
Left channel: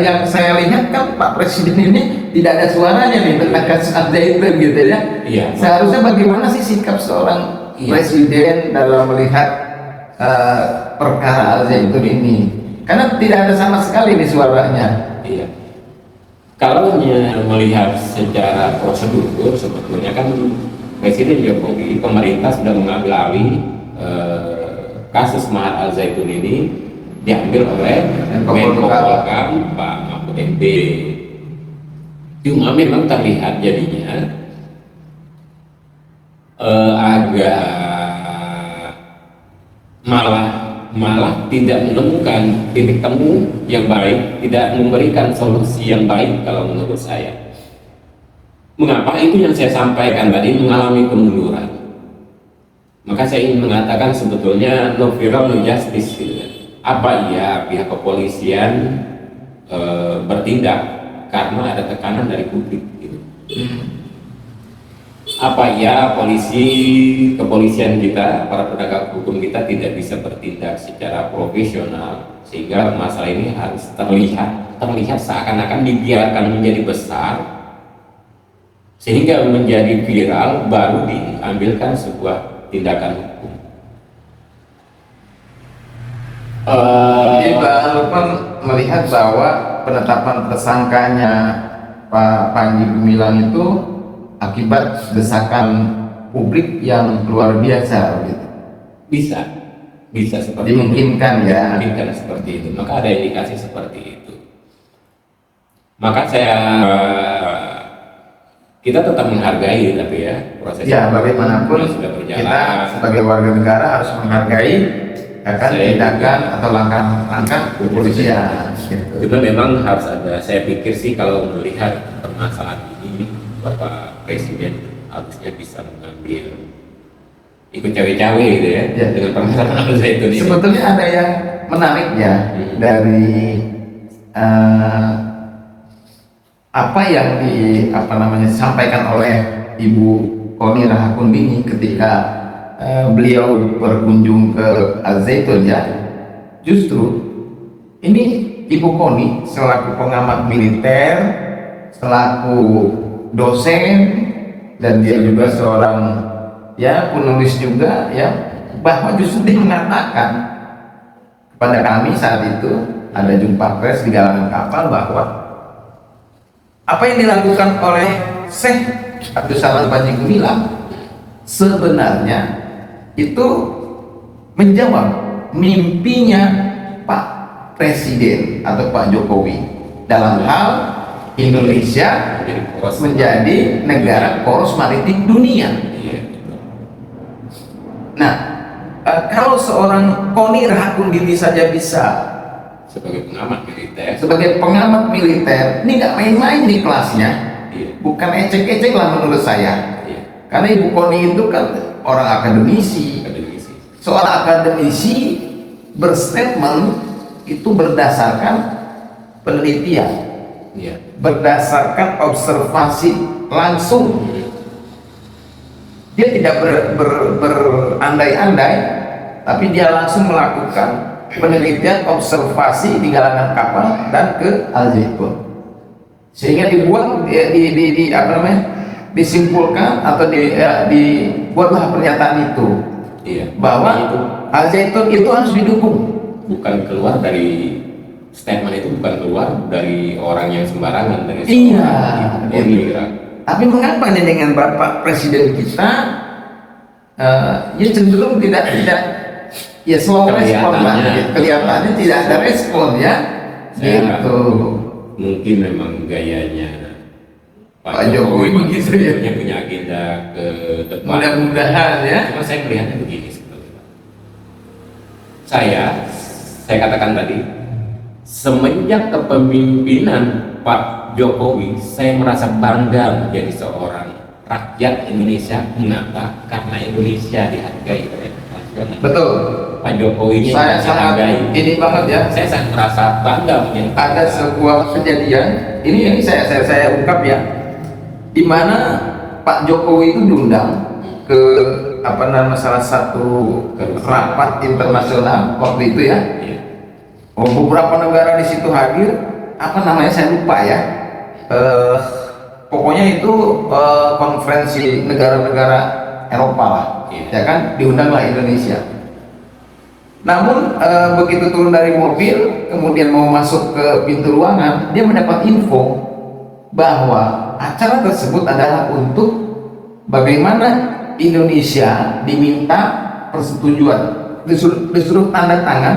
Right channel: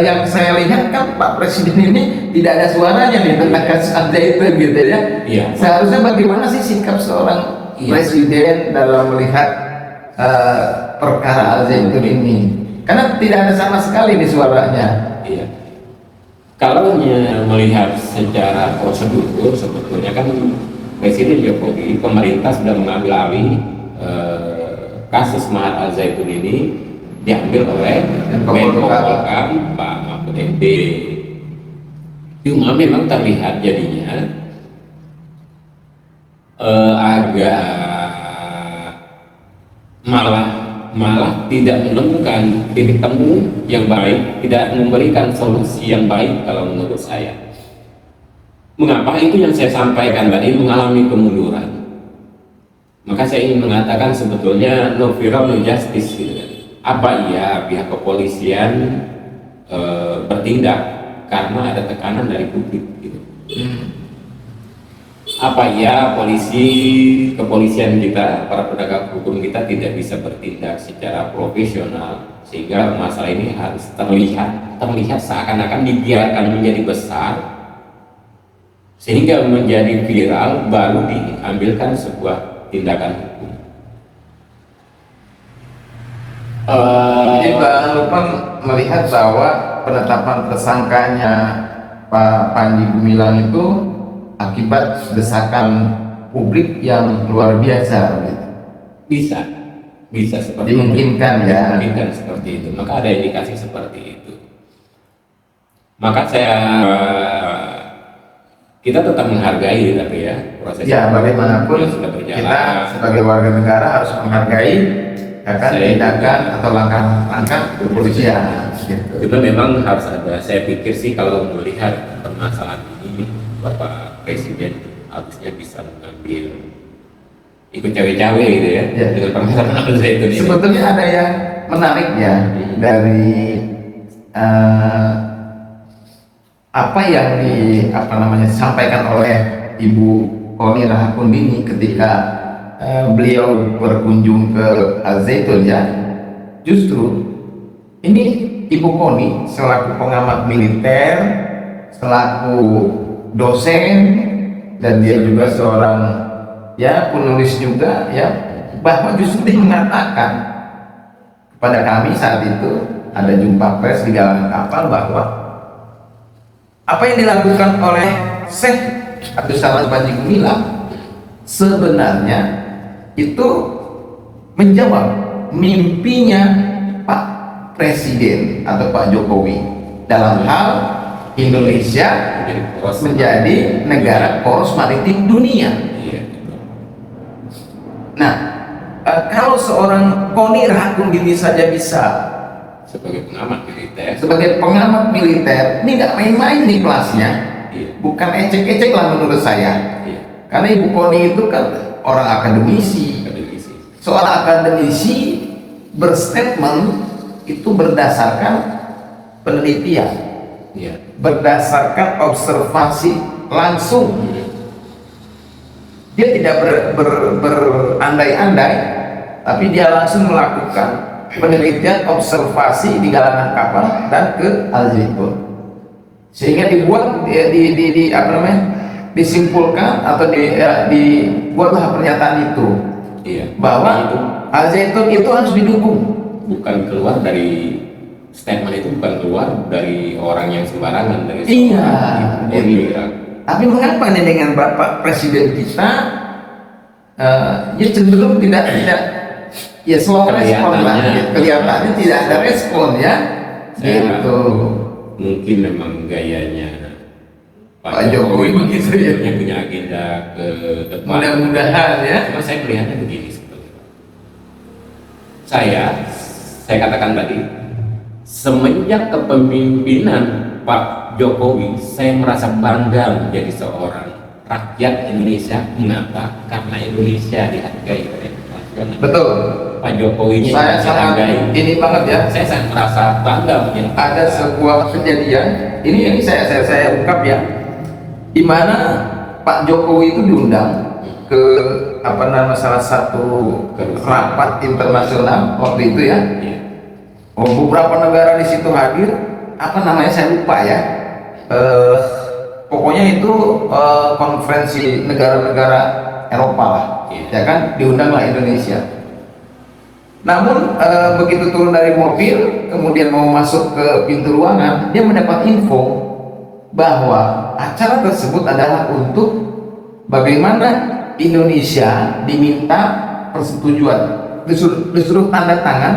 Yang saya lihat kan Pak Presiden ini tidak ada suaranya nih tentang kasus Al Zaitun gitu ya. Iya. Seharusnya bagaimana sih sikap seorang Presiden dalam melihat perkara Al Zaitun ini? Karena tidak ada sama sekali di suaranya. Iya. Kalau melihat secara prosedur, sebetulnya kan Presiden Jokowi, pemerintah sudah mengambil alih kasus Al Zaitun ini, diambil oleh Menko Polhukam Pak Mahfud MD. Cuma memang terlihat jadinya agak malah tidak menemukan titik temu yang baik, tidak memberikan solusi yang baik kalau menurut saya. Mengapa? Itu yang saya sampaikan tadi, mengalami kemunduran. Maka saya ingin mengatakan sebetulnya no viral no justice gitu kan. Apa iya pihak kepolisian bertindak karena ada tekanan dari publik gitu. Apa iya kepolisian kita, para penegak hukum kita tidak bisa bertindak secara profesional sehingga masalah ini harus terlihat seakan-akan dibiarkan menjadi besar sehingga menjadi viral baru diambilkan sebuah tindakan hukum. Ini Pak Lukman melihat bahwa penetapan tersangkanya Pak Panji Gumilang itu akibat desakan publik yang luar biasa. Bisa seperti Dimungkinkan ya. Dimungkinkan seperti itu. Maka ada indikasi seperti itu. Maka kita tetap menghargai, tapi ya proses Ya bagaimanapun sudah berjalan. kita sebagai warga negara harus menghargai akan tindakan atau langkah kepolisian. Kita memang harus ada. Saya pikir sih kalau melihat permasalahan ini, Bapak Presiden harusnya bisa mengambil ikut cawe-cawe gitu ya. Dengan permasalahan itu. Sebetulnya ada yang menarik ya dari apa yang disampaikan oleh Ibu Koni Rahakumbini ketika beliau berkunjung ke Al Zaitun ya. Justru ini Ibu Koni selaku pengamat militer, selaku dosen, dan dia juga seorang ya penulis juga ya, bahwa justru dia mengatakan kepada kami saat itu ada jumpa pers di galangan kapal bahwa apa yang dilakukan oleh Syekh Abdul Salam Panji Gumilang sebenarnya itu menjawab mimpinya Pak Presiden atau Pak Jokowi dalam hal Indonesia menjadi negara poros maritim dunia. Nah, kalau seorang Koni Rahakumbini saja bisa sebagai pengamat militer, ini nggak main-main di kelasnya, bukan ecek-ecek lah menurut saya. Karena Ibu Koni itu kan orang akademisi. Seorang akademisi berstatement itu berdasarkan penelitian, berdasarkan observasi langsung. Dia tidak berandai-andai, tapi dia langsung melakukan penelitian observasi di galangan kapal dan ke Al Zaitun, sehingga disimpulkan atau dibuatlah pernyataan itu. Iya. bahwa itu Al Zaitun itu harus didukung. bukan keluar dari statement itu, bukan keluar dari orang yang sembarangan, dari Iya. Iya. Tapi mengapa nih dengan Bapak Presiden kita ya cenderung tidak ada ya slow respon lah, kelihatannya tidak ada respon ya. Saya Gitu. mungkin memang gayanya Pak Jokowi begitu ya. yang punya agenda ke depan. Mudah-mudahan ya. Cuma saya melihatnya begini sebetulnya. Saya katakan tadi, semenjak kepemimpinan Pak Jokowi, saya merasa bangga menjadi seorang rakyat Indonesia. Mengapa? Karena Indonesia dihargai oleh nasional. Betul. Pak Jokowi ini Saya dihargai. sangat ini banget ya. Saya sangat merasa bangga menjadi Ada sebuah kejadian. Ini saya ungkap ya. Di mana Pak Jokowi itu diundang ke salah satu rapat internasional waktu itu ya. Beberapa negara di situ hadir. Saya lupa ya. Pokoknya itu konferensi negara-negara Eropa lah, ya kan, diundanglah Indonesia. Namun begitu turun dari mobil, kemudian mau masuk ke pintu ruangan, dia mendapat info bahwa acara tersebut adalah untuk bagaimana Indonesia diminta persetujuan, disuruh tanda tangan.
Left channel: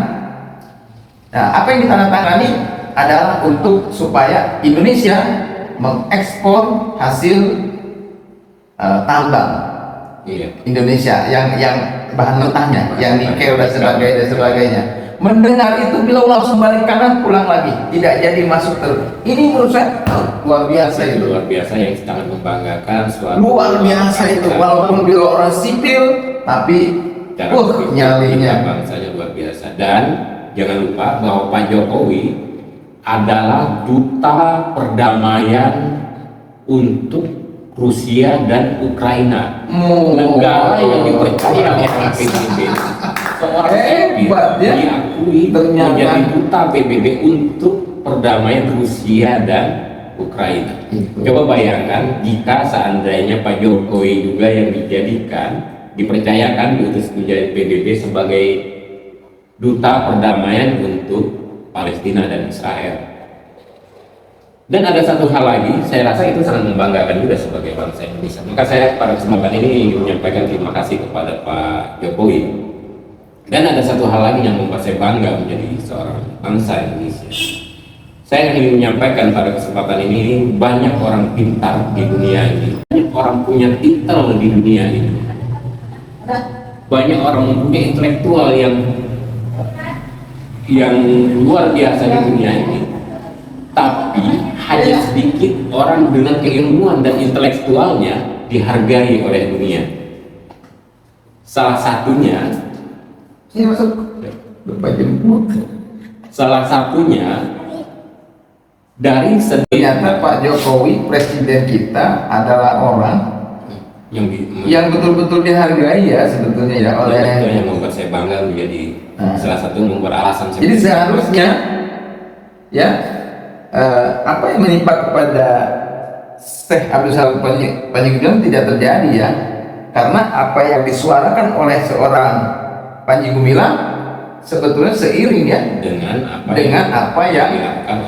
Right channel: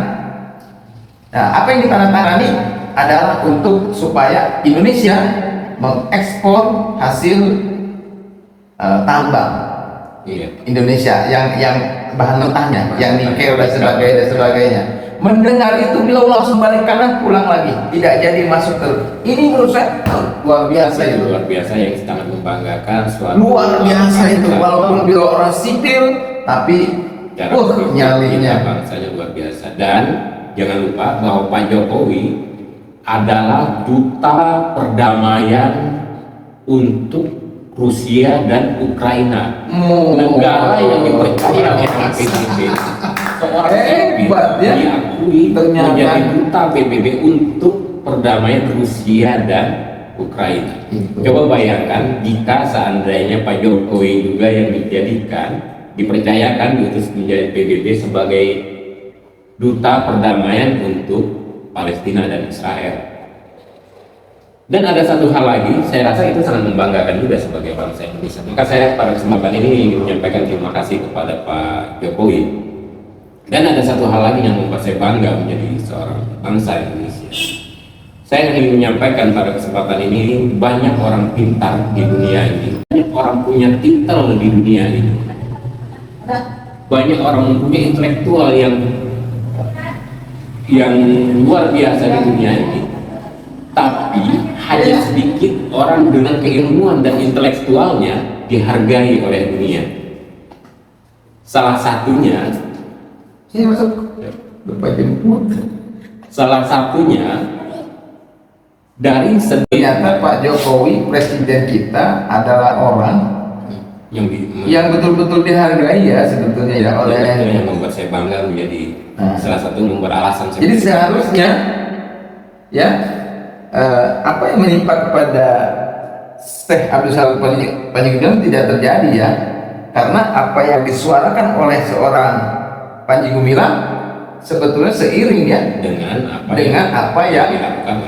Nah, apa yang ditandatangani adalah untuk supaya Indonesia mengekspor hasil tambang Indonesia yang bahan mentahnya, yang nikel dan sebagainya. Mendengar itu beliau langsung balik kanan pulang lagi, tidak jadi masuk ke ini. Menurut saya luar biasa itu. luar biasa yang sangat membanggakan. Luar biasa itu, walaupun beliau orang sipil tapi nyalinya saja luar biasa. Dan jangan lupa bahwa Pak Jokowi adalah duta perdamaian untuk Rusia dan Ukraina. Negara yang dipercaya oleh PBB. Seorang hebat ya, diakui menjadi duta PBB untuk perdamaian Rusia dan Ukraina. Coba bayangkan jika seandainya Pak Jokowi juga yang dipercayakan diutus menjadi PBB sebagai duta perdamaian untuk Palestina dan Israel. Dan ada satu hal lagi, saya rasa itu sangat membanggakan juga sebagai bangsa Indonesia. Maka saya pada kesempatan ini menyampaikan terima kasih kepada Pak Jokowi. Dan ada satu hal lagi yang membuat saya bangga menjadi seorang bangsa Indonesia. Saya ingin menyampaikan pada kesempatan ini, banyak orang pintar di dunia ini, banyak orang punya intel di dunia ini, banyak orang mempunyai intelektual yang luar biasa di dunia ini. Tapi hanya sedikit orang dengan keilmuan dan intelektualnya dihargai oleh dunia. Salah satunya dari ternyata Pak Jokowi presiden kita adalah orang yang betul-betul dihargai ya sebetulnya ya oleh yang membuat saya bangga menjadi salah satu membuat alasan saya. Ini seharusnya ya apa yang menimpa kepada Syekh Abdul Salam Panji Gumilang tidak terjadi ya, karena apa yang disuarakan oleh seorang Panji Gumilang sebetulnya seiring ya dengan apa yang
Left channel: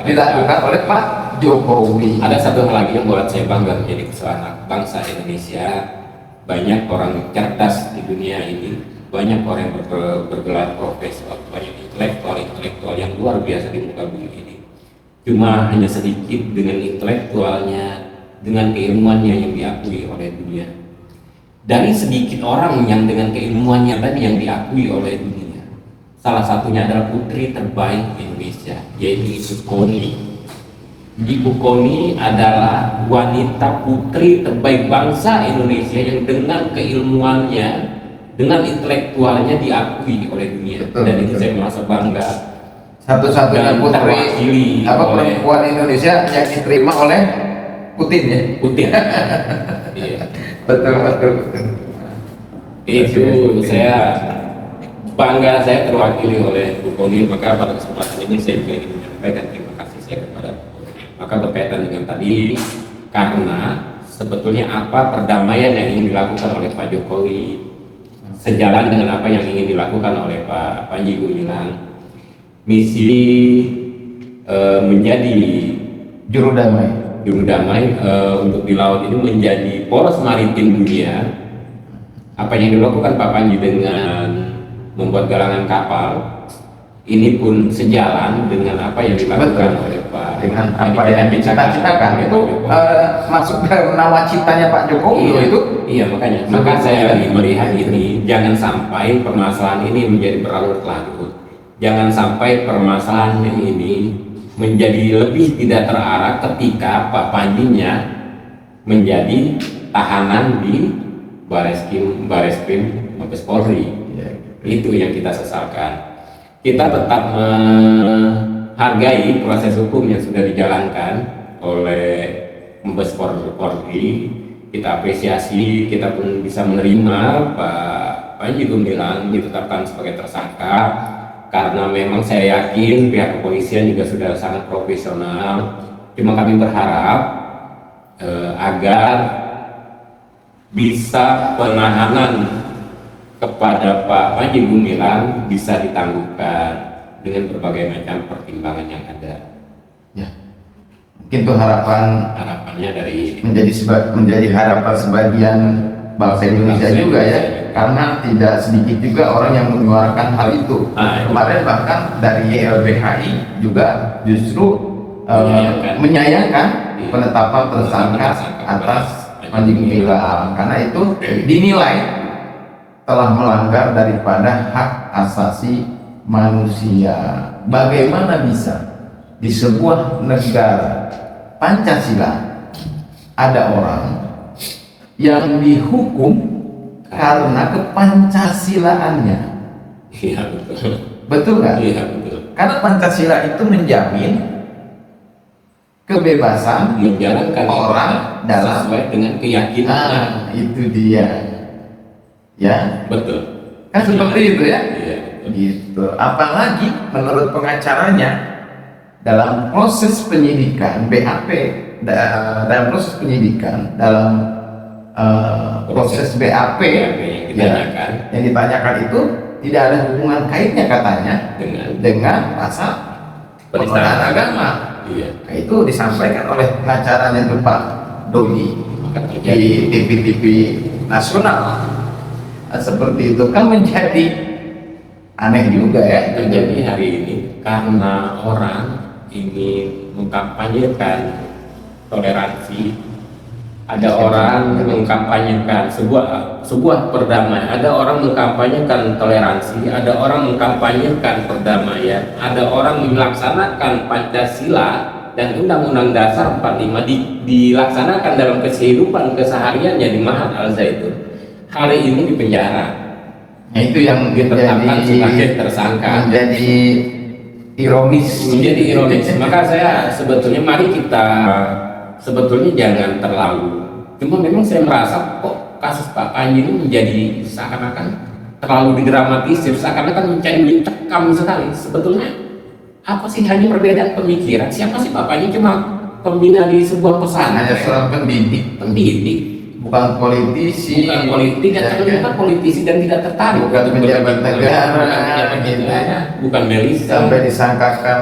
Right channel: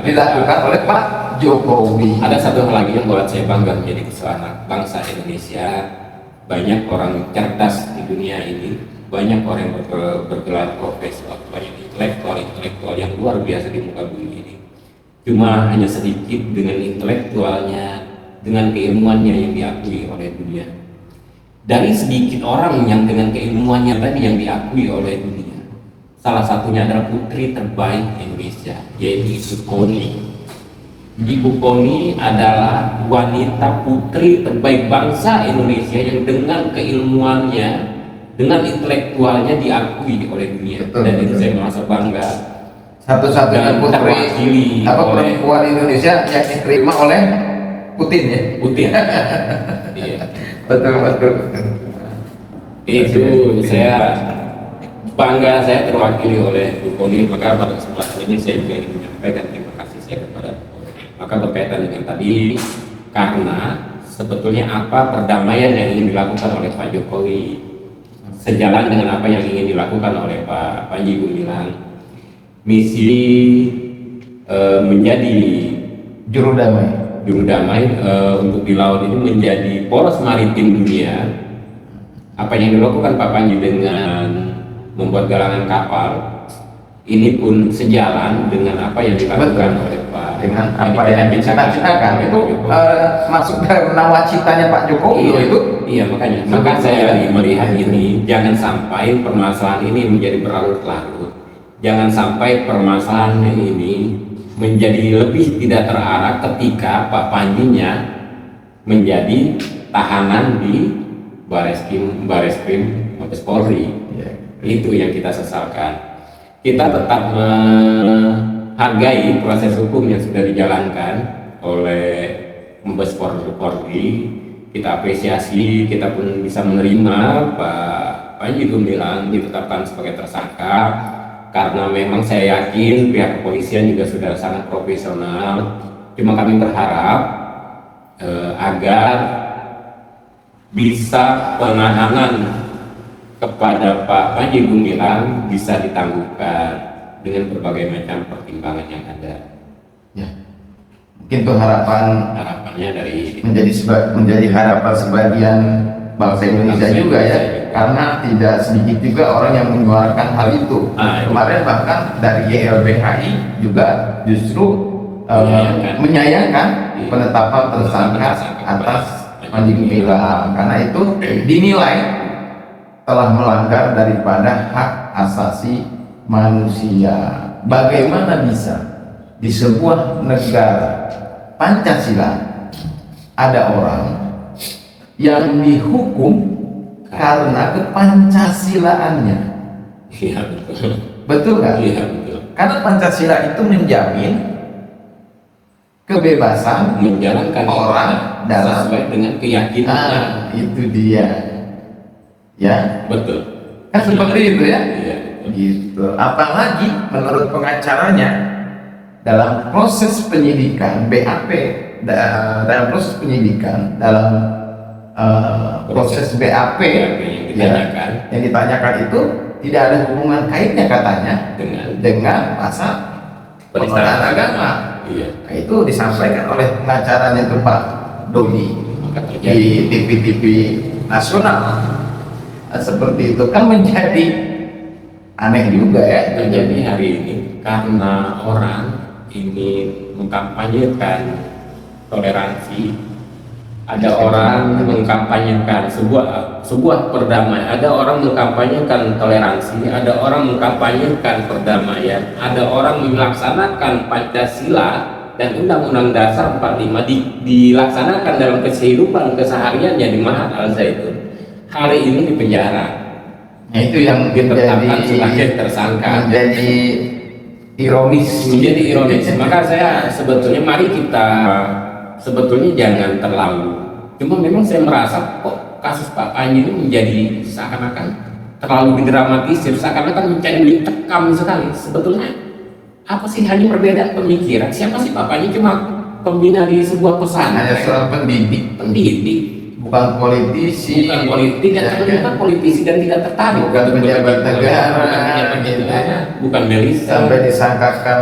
dilakukan oleh Pak Jokowi. Ada satu hal lagi yang membuat saya bangga menjadi seorang bangsa Indonesia. Banyak orang cerdas di dunia ini, banyak orang yang bergelar profesor, banyak intelektual yang luar biasa di muka bumi ini. Cuma hanya sedikit dengan intelektualnya, dengan keilmuannya yang diakui oleh dunia. Dari sedikit orang yang dengan keilmuannya tadi yang diakui oleh dunia, salah satunya adalah putri terbaik Indonesia, yaitu Ibu Kony. Ibu Kony adalah wanita putri terbaik bangsa Indonesia yang dengan keilmuannya, dengan intelektualnya diakui oleh dunia. Dan itu saya merasa bangga. Satu-satunya putri perempuan Indonesia yang diterima oleh Putin ya. Putin. Betul. Itu saya bangga, saya terwakili oleh Bu Kony. Maka pada kesempatan ini saya juga ingin menyampaikan terima kasih saya kepada Bu Kony. Maka berkaitan dengan tadi, karena sebetulnya apa perdamaian yang ingin dilakukan oleh Pak Jokowi, sejalan dengan apa yang ingin dilakukan oleh Pak Panji Gumilang. Misi menjadi Juru damai. juru damai untuk di laut ini menjadi poros maritim dunia. Apa yang dilakukan Pak Panji dengan membuat galangan kapal ini pun sejalan dengan apa yang dilakukan oleh Pak, Dengan apa yang dicita-citakan itu masuk dalam nawacitanya Pak Jokowi itu. Iya, maka saya lagi melihat ini jangan sampai permasalahan ini menjadi berlarut-larut. Jangan sampai permasalahan ini menjadi lebih tidak terarah ketika Pak Panjinya menjadi tahanan di Bareskrim Mabes Polri. Itu yang kita sesalkan. Kita tetap menghargai proses hukum yang sudah dijalankan oleh Mabes Polri. Kita apresiasi, kita pun bisa menerima Pak Panji Gumilang ditetapkan sebagai tersangka karena memang saya yakin pihak kepolisian juga sudah sangat profesional. Cuma kami berharap agar bisa penahanan kepada Pak Panji Gumilang bisa ditangguhkan dengan berbagai macam pertimbangan yang ada. Ya. Itu Harapannya dari menjadi harapan sebagian bangsa Indonesia juga ya, karena tidak sedikit juga orang yang menyuarakan hal itu. Kemarin bahkan dari YLBHI juga justru menyayangkan penetapan tersangka atas Panji Gumilang karena itu dinilai telah melanggar daripada hak asasi manusia. Bagaimana bisa di sebuah negara Pancasila ada orang yang dihukum karena kepancasilaannya? Iya, betul. Betul nggak? Iya, betul. Karena Pancasila itu menjamin kebebasan Menjalankan orang dalam sesuai dengan keyakinannya. itu dia, ya Betul. kan seperti itu ya. Iya. Gitu. Apalagi menurut pengacaranya dalam proses penyidikan BAP, dalam proses penyidikan dalam proses BAP yang ditanyakan yang ditanyakan itu tidak ada hubungan kaitnya katanya dengan pasal penistaan agama. Iya. Nah, itu disampaikan oleh pengacaranya itu Pak Doni Maka di terjadi TV nasional. Nah, seperti itu kan menjadi aneh juga ya. terjadi hari ini karena orang ini mengkampanyekan toleransi. Ada orang mengkampanyekan sebuah perdamaian, ada orang mengkampanyekan toleransi, ada orang mengkampanyekan perdamaian, ada orang melaksanakan Pancasila dan Undang-Undang Dasar 45 dilaksanakan dalam kehidupan kesehariannya di Mahat Al Zaitun. Hari ini di penjara. Itu yang Ditetapkan sebagai tersangka. menjadi ironis. Menjadi ironis. Maka saya sebetulnya mari kita sebetulnya jangan terlalu. Cuma memang saya merasa kok kasus Pak Panji ini menjadi seakan-akan terlalu didramatisir, seakan-akan mencari mencekam sekali. Sebetulnya apa sih hanya perbedaan pemikiran? Siapa sih Pak Panji? Cuma pembina di sebuah pesanan, pendidik, Bukan politisi, bukan politik dan ternyata politisi dan tidak tertarik, bukan pejabat negara, bukan Melisa. sampai disangkakan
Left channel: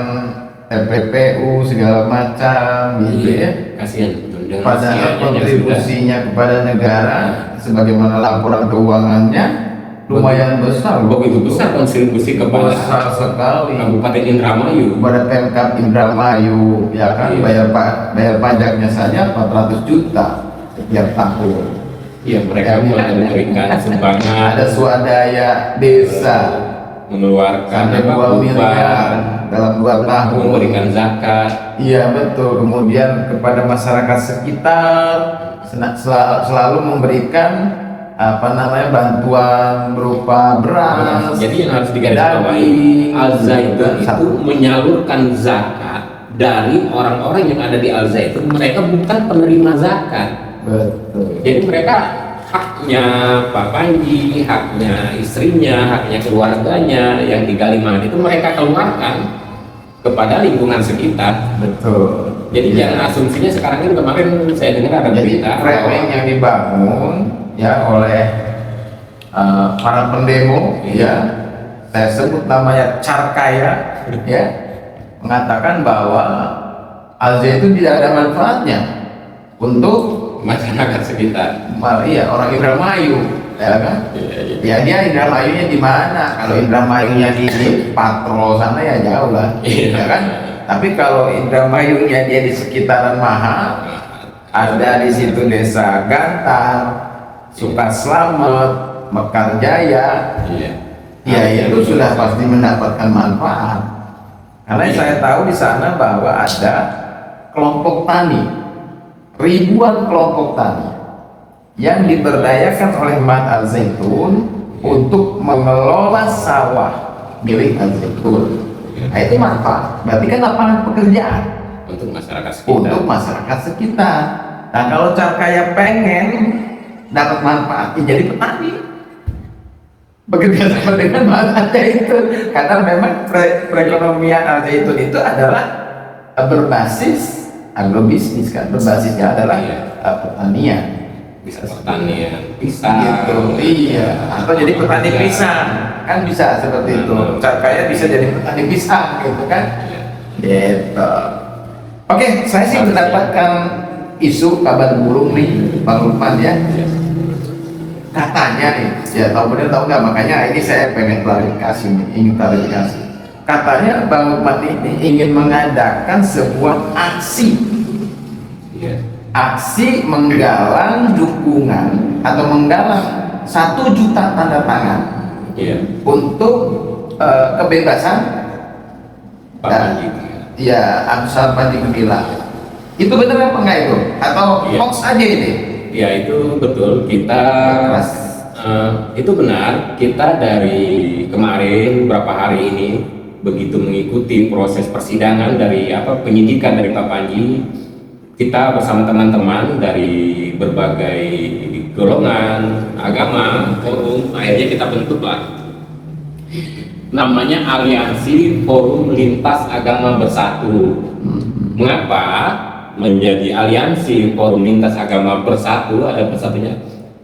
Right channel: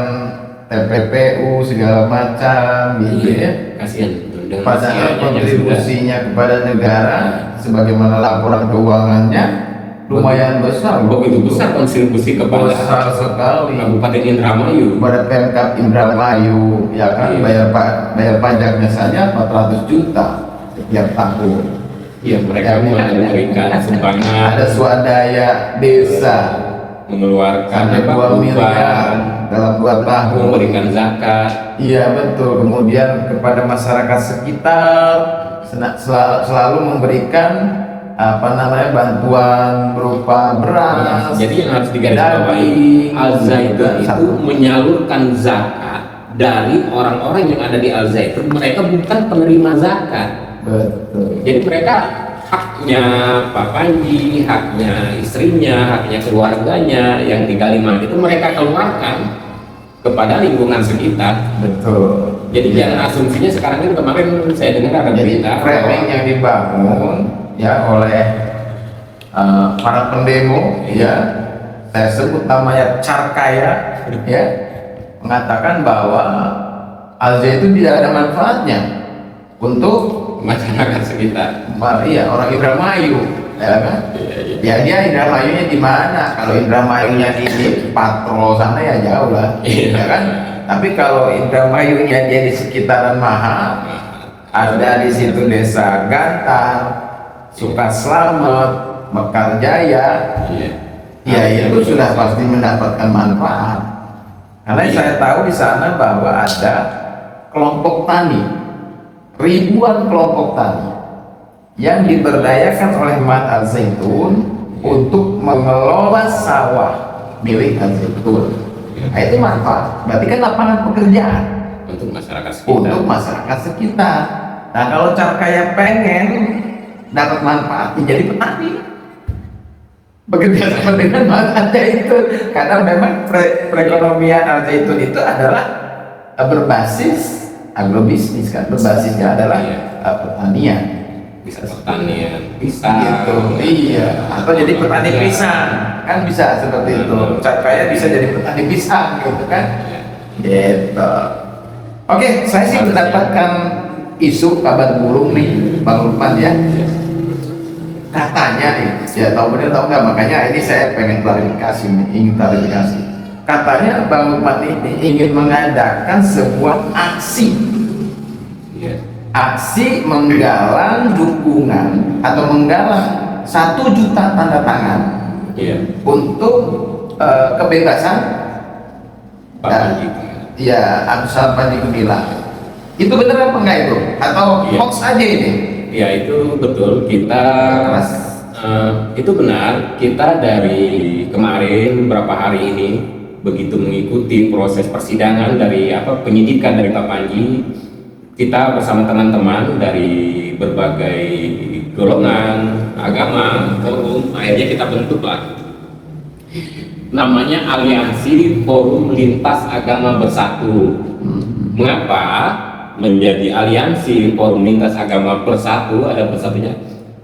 TPPU segala macam gitu ya. Kasihan dengan Padahal usianya yang kontribusinya kepada negara sebagaimana laporan keuangannya lumayan besar, begitu besar kontribusi kepada besar sekali Kabupaten Indramayu. kepada Pemkab Indramayu, ya kan, bayar pajaknya saja 400 juta setiap tahun. Ya, mereka memberikan sumbangan, Ada swadaya desa mengeluarkan sampai 2 miliar dalam 2 tahun. memberikan zakat. Iya betul. Kemudian kepada masyarakat sekitar selalu memberikan bantuan berupa beras. Jadi yang harus digarisbawahi, Al Zaitun itu menyalurkan zakat dari orang-orang yang ada di Al Zaitun. Mereka bukan penerima zakat. Betul. Jadi mereka haknya Pak Panji, haknya istrinya, haknya keluarganya yang di Kalimantan itu mereka keluarkan kepada lingkungan sekitar. Betul. Jadi jangan asumsinya sekarang kan kemarin saya dengar ada Jadi berita framing yang dibangun ya oleh para pendemo, ya, saya sebut namanya Carkaya, ya, mengatakan bahwa Al-Zaitun tidak ada manfaatnya untuk masyarakat sekitar. ya orang Indramayu, ya kan? Ya dia Indramayunya di mana? Kalau Indramayunya di Patrol sana ya jauh kan, ya kan? Tapi kalau Indramayunya dia di sekitaran Maha, ada di situ desa Gantar, Sukaslamet, Mekarjaya, ya itu sudah pasti mendapatkan manfaat. Karena saya tahu di sana bahwa ada kelompok tani, ribuan kelompok tani yang diberdayakan oleh Mat Al-Zaitun untuk mengelola sawah milik Al-Zaitun. Nah, itu manfaat. Berarti kan lapangan pekerjaan Untuk masyarakat sekitar. untuk masyarakat sekitar. Nah, kalau Carkaya pengen dapat manfaat, ya jadi petani. Bekerja seperti ada itu, karena memang perekonomian Al-Zaitun itu adalah berbasis agrobisnis kan, berbasisnya adalah pertanian. Bisa pertanian, pisang. Gitu. Iya, atau jadi petani pisang kan bisa seperti itu. Carkaya bisa jadi petani pisang gitu kan. Gitu. Oke, saya sih mendapatkan isu kabar burung nih Bang Lukman ya. Katanya nih, ya tahu benar tahu nggak, makanya ini saya pengen ingin klarifikasi. Katanya Bang Lukman ini ingin mengadakan sebuah aksi, aksi menggalang dukungan atau menggalang 1 juta tanda tangan untuk kebebasan Pak Panji. ya Abdul Panji Gumilang. Itu benar apa enggak itu? Atau hoax aja itu? Ya itu betul, kita itu benar. Kita dari kemarin beberapa hari ini begitu mengikuti proses persidangan dari penyidikan dari Pak Panji, kita bersama teman-teman dari berbagai golongan agama, akhirnya kita bentuklah namanya Aliansi Forum Lintas Agama Bersatu. Mengapa menjadi Aliansi Forum Lintas Agama Bersatu? Ada bersatunya.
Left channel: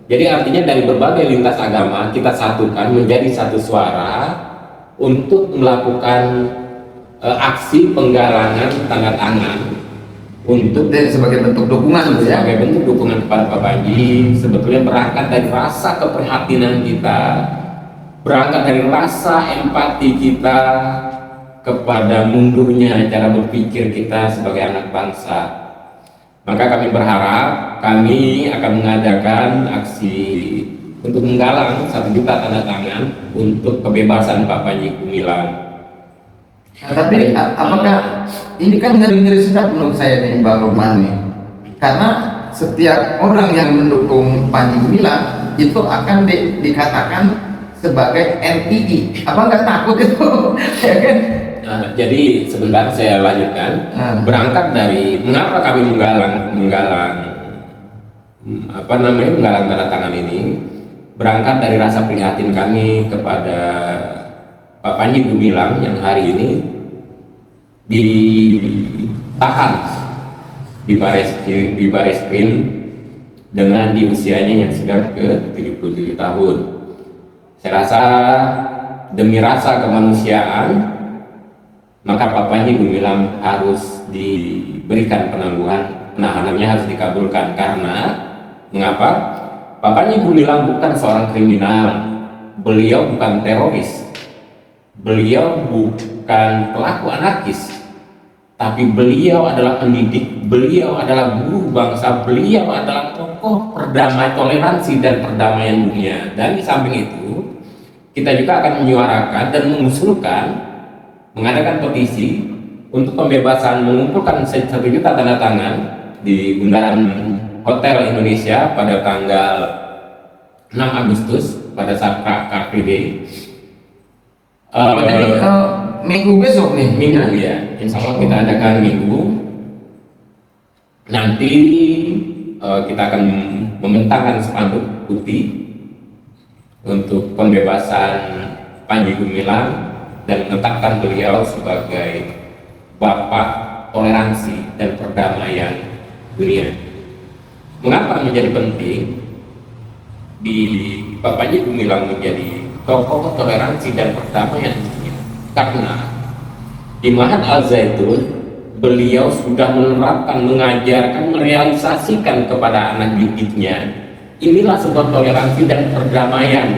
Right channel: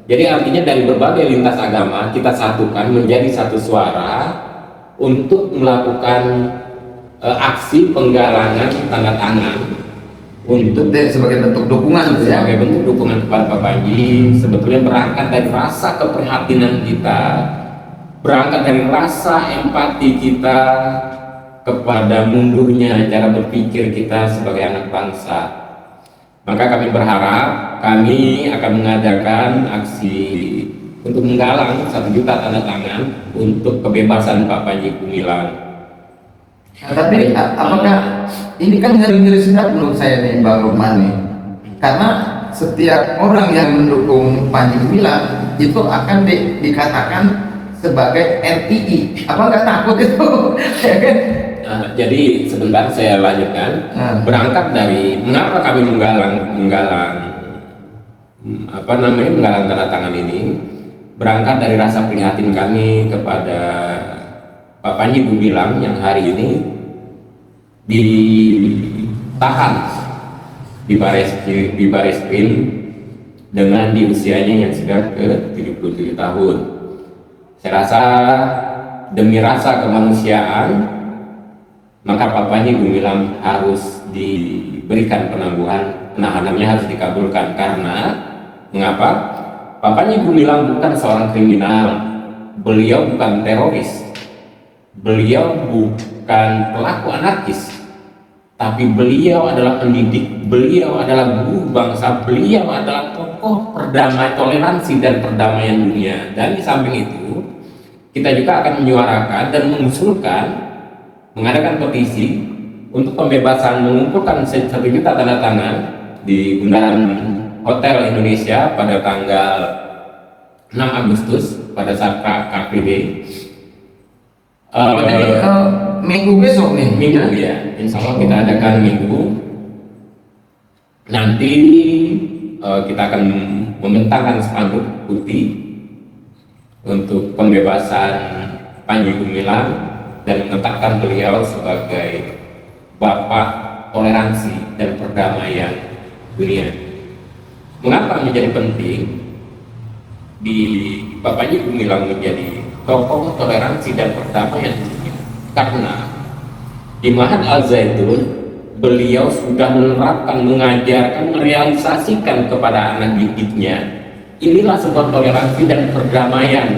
Jadi artinya dari berbagai lintas agama kita satukan menjadi satu suara untuk melakukan aksi penggalangan tanda tangan untuk sebagai bentuk dukungan ya. sebagai bentuk dukungan Pak Panji. Sebetulnya berangkat dari rasa keprihatinan kita, berangkat dari rasa empati kita kepada mundurnya cara berpikir kita sebagai anak bangsa. Maka kami berharap kami akan mengadakan aksi untuk menggalang 1 juta tanda tangan untuk kebebasan Pak Panji Gumilang. Tapi apakah ini kan ngeri-ngeri sedap menurut saya nih Bang Lukman nih. Karena setiap orang yang mendukung Panji Gumilang itu akan dikatakan sebagai NPI. Apa nggak takut itu? Jadi sebentar saya lanjutkan. Berangkat dari mengapa kami menggalang tanda tangan ini, berangkat dari rasa prihatin kami kepada Pak Panji Gumilang yang hari ini ditahan di Bareskrim dengan di usianya yang sudah ke 37 tahun. Saya rasa demi rasa kemanusiaan, maka Pak Panji Gumilang harus diberikan penahanannya harus dikabulkan. Karena mengapa? Pak Panji Gumilang bukan seorang kriminal, beliau bukan teroris, beliau bukan pelaku anarkis, tapi beliau adalah pendidik, beliau adalah guru bangsa, beliau adalah tokoh perdamaian, toleransi dan perdamaian dunia. Dan di samping itu, kita juga akan menyuarakan dan mengusulkan mengadakan petisi untuk pembebasan, mengumpulkan 1 juta tanda tangan di Bundaran Hotel Indonesia pada tanggal 6 Agustus pada saat KKB. Minggu besok nih. Minggu ya, insya Allah kita adakan minggu. Nanti kita akan membentangkan spanduk putih untuk pembebasan Panji Gumilang dan menetapkan beliau sebagai bapak toleransi dan perdamaian dunia. Mengapa menjadi penting? di Bapak Ibu bilang menjadi tokoh toleransi dan perdamaian dunia. Karena di Mahat Al-Zaitun beliau sudah menerapkan, mengajarkan, merealisasikan kepada anak didiknya inilah sebab toleransi dan perdamaian